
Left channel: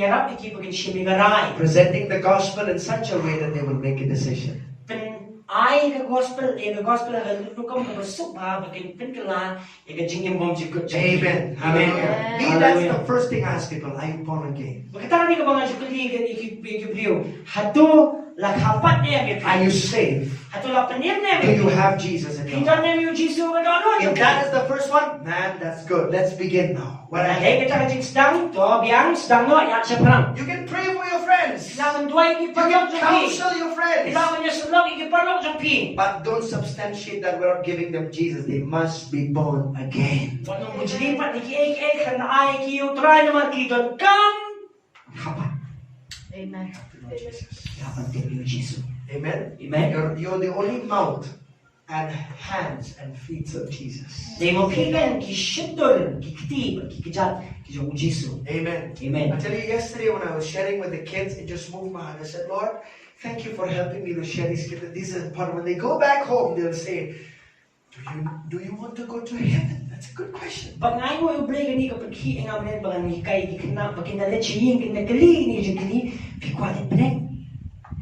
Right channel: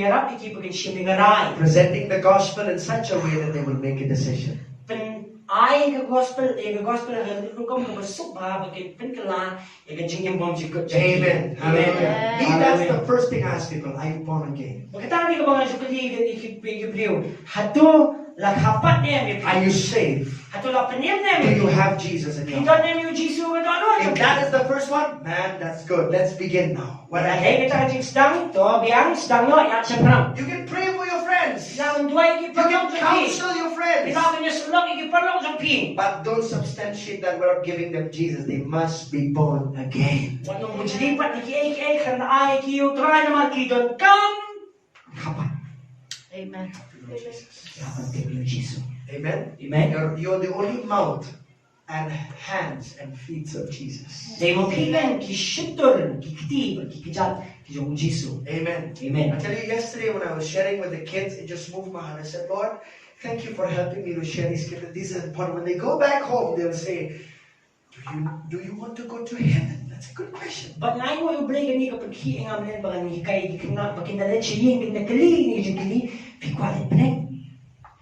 yarap iki pagin siya mingaray. Presenting the gospel in such a way that they will make a decision. Pen ay ka gospel ka lukam ka basuk ba bagin pen kala ya ka jingim bom jikut jongki. Amen. Hallelujah. Amen. Me, that's the first thing I ask people. Are you born again? Bakita ni ka mga jukut ni iki priyo. Hatu la kapat niya mi Are you saved? Hatu la penyem niya Do mi. you have Jesus in your Pindon heart? niya mi yung Jisu ka doon. If that is the first one, man, that's good. Let's begin now. Wala hey kita ka jing sedang to biang sedang no ya siya perang. You can pray for your friends. You Ilawan dua iki can perlok jongki. counsel your friends. Ilawan niya sulok iki perlok jongki. But don't substantiate that without giving them Jesus. They must be born again. Wanong mujlipat iki kan ay ki utray na makidon kam kapat. Amen. Kapan din yung Jisu. Amen. Amen. You're the only mouth and hands and feet of Jesus. Dahil mo pigan ki shitur ki kitib ki kijat ki yung Jisu. Amen. Amen. I tell you, yesterday when I was sharing with the kids, it just moved my heart. I said, Lord, thank you for helping me to share these kids. This is important. When they go back home, they'll say, do you want to go to heaven? That's a good question. Pag ngay mo yung break ni kapag hi nga men baka ni kay kina bakinalet siya yung nagkali ni jingkini pikwalit peneng.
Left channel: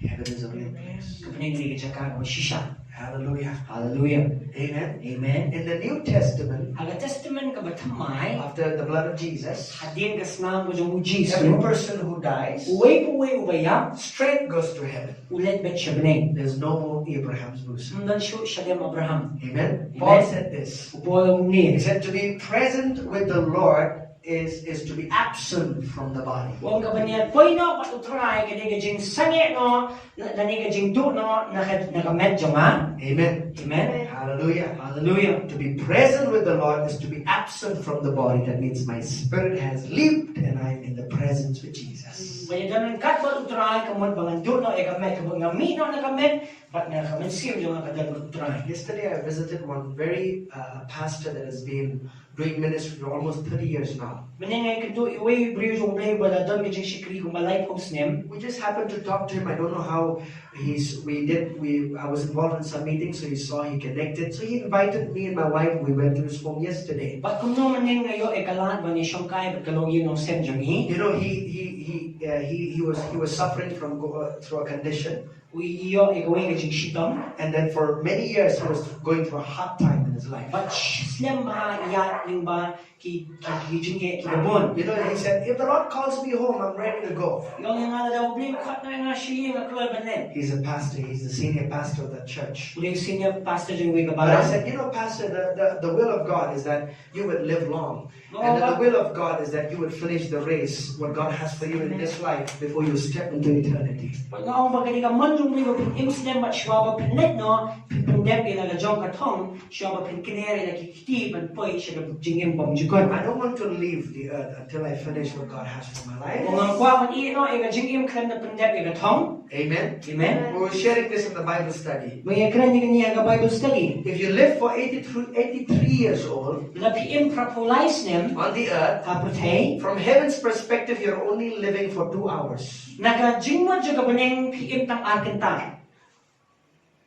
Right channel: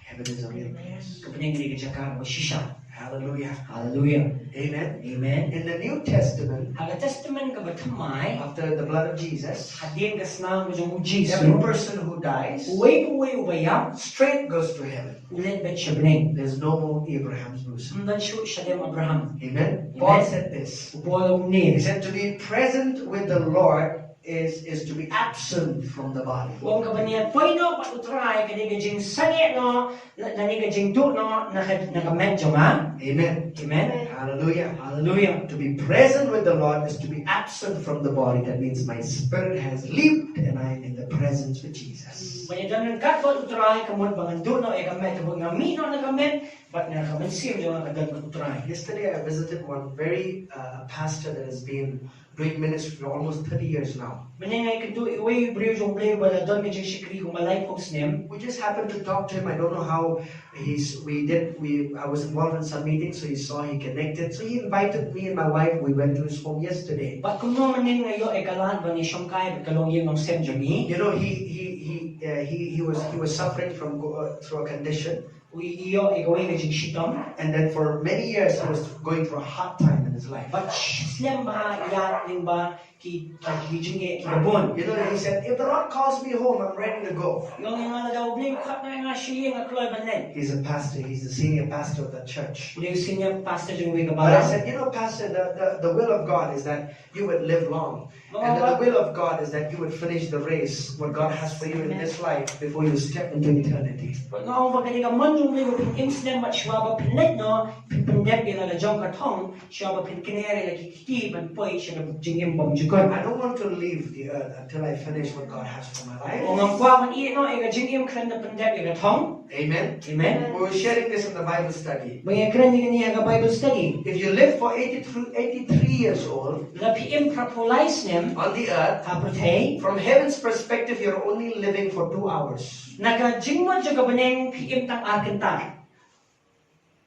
Heaven is a real place. Kapeneng ni kajaka mo shisha. Hallelujah. Hallelujah. Amen. Amen. In the New Testament, Aga testament ka batamay after the blood of Jesus, hadin ka snang mo yung every Jisu. person who dies Uway ubaya straight goes to heaven. ulit bet siya peneng. There's no more Abraham's bosom. Sundan siya dem Abraham. Amen. Amen. Paul said this. Upo He ni. said to be present with the Lord is to be absent from the body. Kung kabaniya poy no patutray kani ka jing sange no nani ka jing do no nakamedyo nga. Amen. Amen. Hallelujah. Hallelujah. To be present with the Lord is to be absent from the body. That means my spirit has leaped and I'm in the presence with Jesus. Kaya danan kat ko utray kamon bangan do no kamet ko ngami no nakamet but nakamet sim jo nga kadal utray. Yesterday I visited one very pastor that has been doing ministry for almost 30 years now. Maningay kado iway brio jong play wala don ka jing shikri ko malay post nim. We just happened to talk to him. I don't know how I was involved in some meetings, so he connected. So he invited me and my wife. We went to his home yesterday. But kung no maning ngayo ay kalahan ba ni siyong kaya at kalong yun ng sem jong hi. You know, he was suffering from through a condition, Iyo igawin ka jing shitom. and then for many years he was going through a hard time in his life. But slim ba iya ling ba ki jing ki gabon. You know, he said, if the Lord calls me home, I'm ready to go. Yung nga daw bling kat na nga siya nga kloy banen. He's a pastor. He's the senior pastor of that church. Uli senior pastor jing wi But I kabala. said, you know, Pastor, the will of God is that you would live long. And that the will of God is that you would finish the race, what God has for you in this life, before you step into eternity. Pag nga ang bagay ka man lung ni ba pin imsnem mat shwa ba pin let no pin dep ila la jong ka thong shwa ba pin kinere la kiti ban poi shwa jingim bom jukon. I don't want to leave the earth until I finish what God has for my life. Ngam kwa man i no e ga jingim khan da pin dep ila thong. Amen. Amen. We were sharing this in the Bible study. May kran ni ga Bible study. If you live for 83 years old La pi im prapolais nem on the earth, apotei from heaven's perspective, you're only living for 2 hours. naga jingmo juga beneng pi im tang arkentar.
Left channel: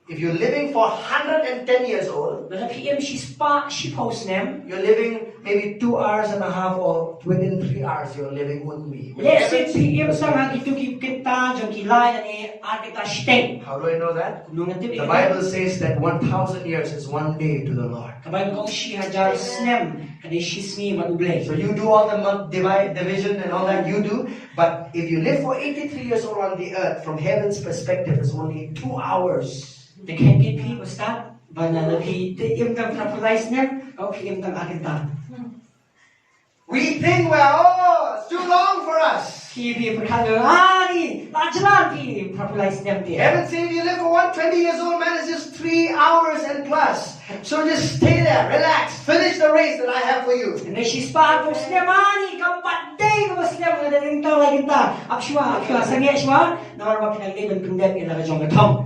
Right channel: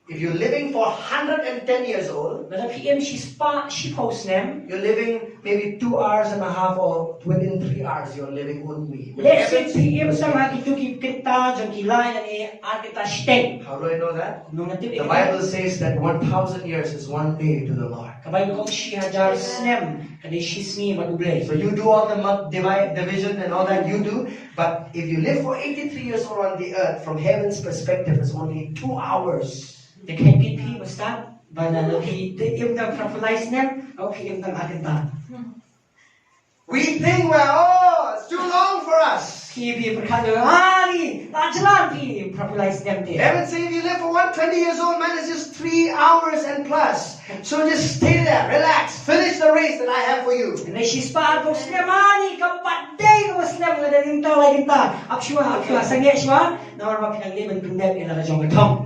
If you're living for 110 years old, La pi im shi spa shi pos nem. you're living maybe 2 hours and a half, or within 3 hours, you're living only. Let's say pi im sang ha kitu ki kita jong ki lai ani arketa shteng. How do I know that? Nung natip The Bible says that 1,000 years is one day to the Lord. kabay kong shi hajar snem kadi shi sngi maduble. So you do all the division and all that you do, but if you live for 83 years old on the earth, from heaven's perspective, it's only 2 hours. The can be pi basta bana la pi im tang prapolais nem o pi im tang arkentar. We think, well, it's too long for us. Pi perkalo ni lajalan pi prapolais nem dia. Heaven says if you live for 120 years old, man, it's just 3 hours and plus. So just stay there, relax, finish the race that I have for you. And she spa po snemani kampatay ko snem nga daling taw lagi ta. Akshwa sange shwa na marwa pinagdiban pindep ila jong gatong.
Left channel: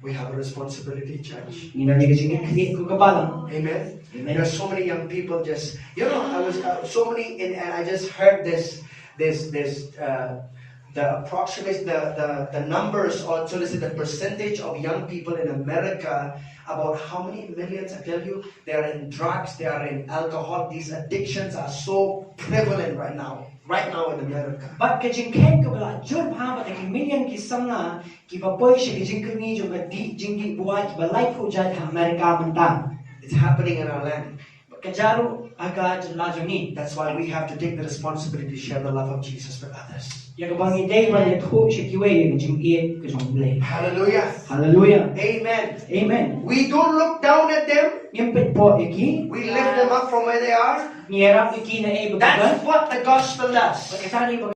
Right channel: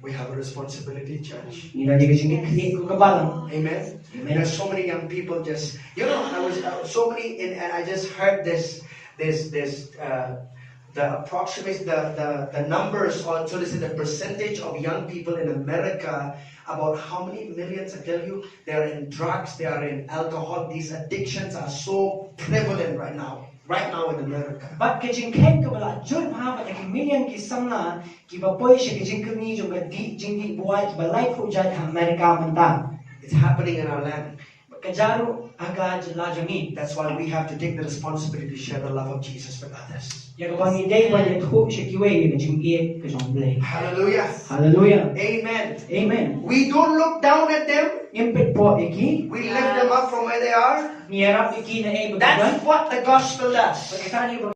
We have a responsibility, church. Ina ni gajing create ko kabalang. Amen. Amen. There's so many young people just, I was so many, and I just heard the approximate, the numbers on, so this is the percentage of young people in America, about how many millions, I tell you, they are in drugs, they are in alcohol. These addictions are so prevalent right now in America. But kajing ken ko bala jur pa ba ki million ki samna ki ba boy shi kajing kami jong ga di jing di buat ki ba life ho jai ha America manta. It's happening in our land. Kajaro aga jala joni. That's why we have to take the responsibility to share the love of Jesus with others. Ya ko bangi day ba le ho shi ki we kajing ie kajong ble. Hallelujah. Hallelujah. Amen. Amen. We don't look down at them. Impet po iki. We lift them up from where they are. Nierap iki na e That's what the gospel does. Pagkatani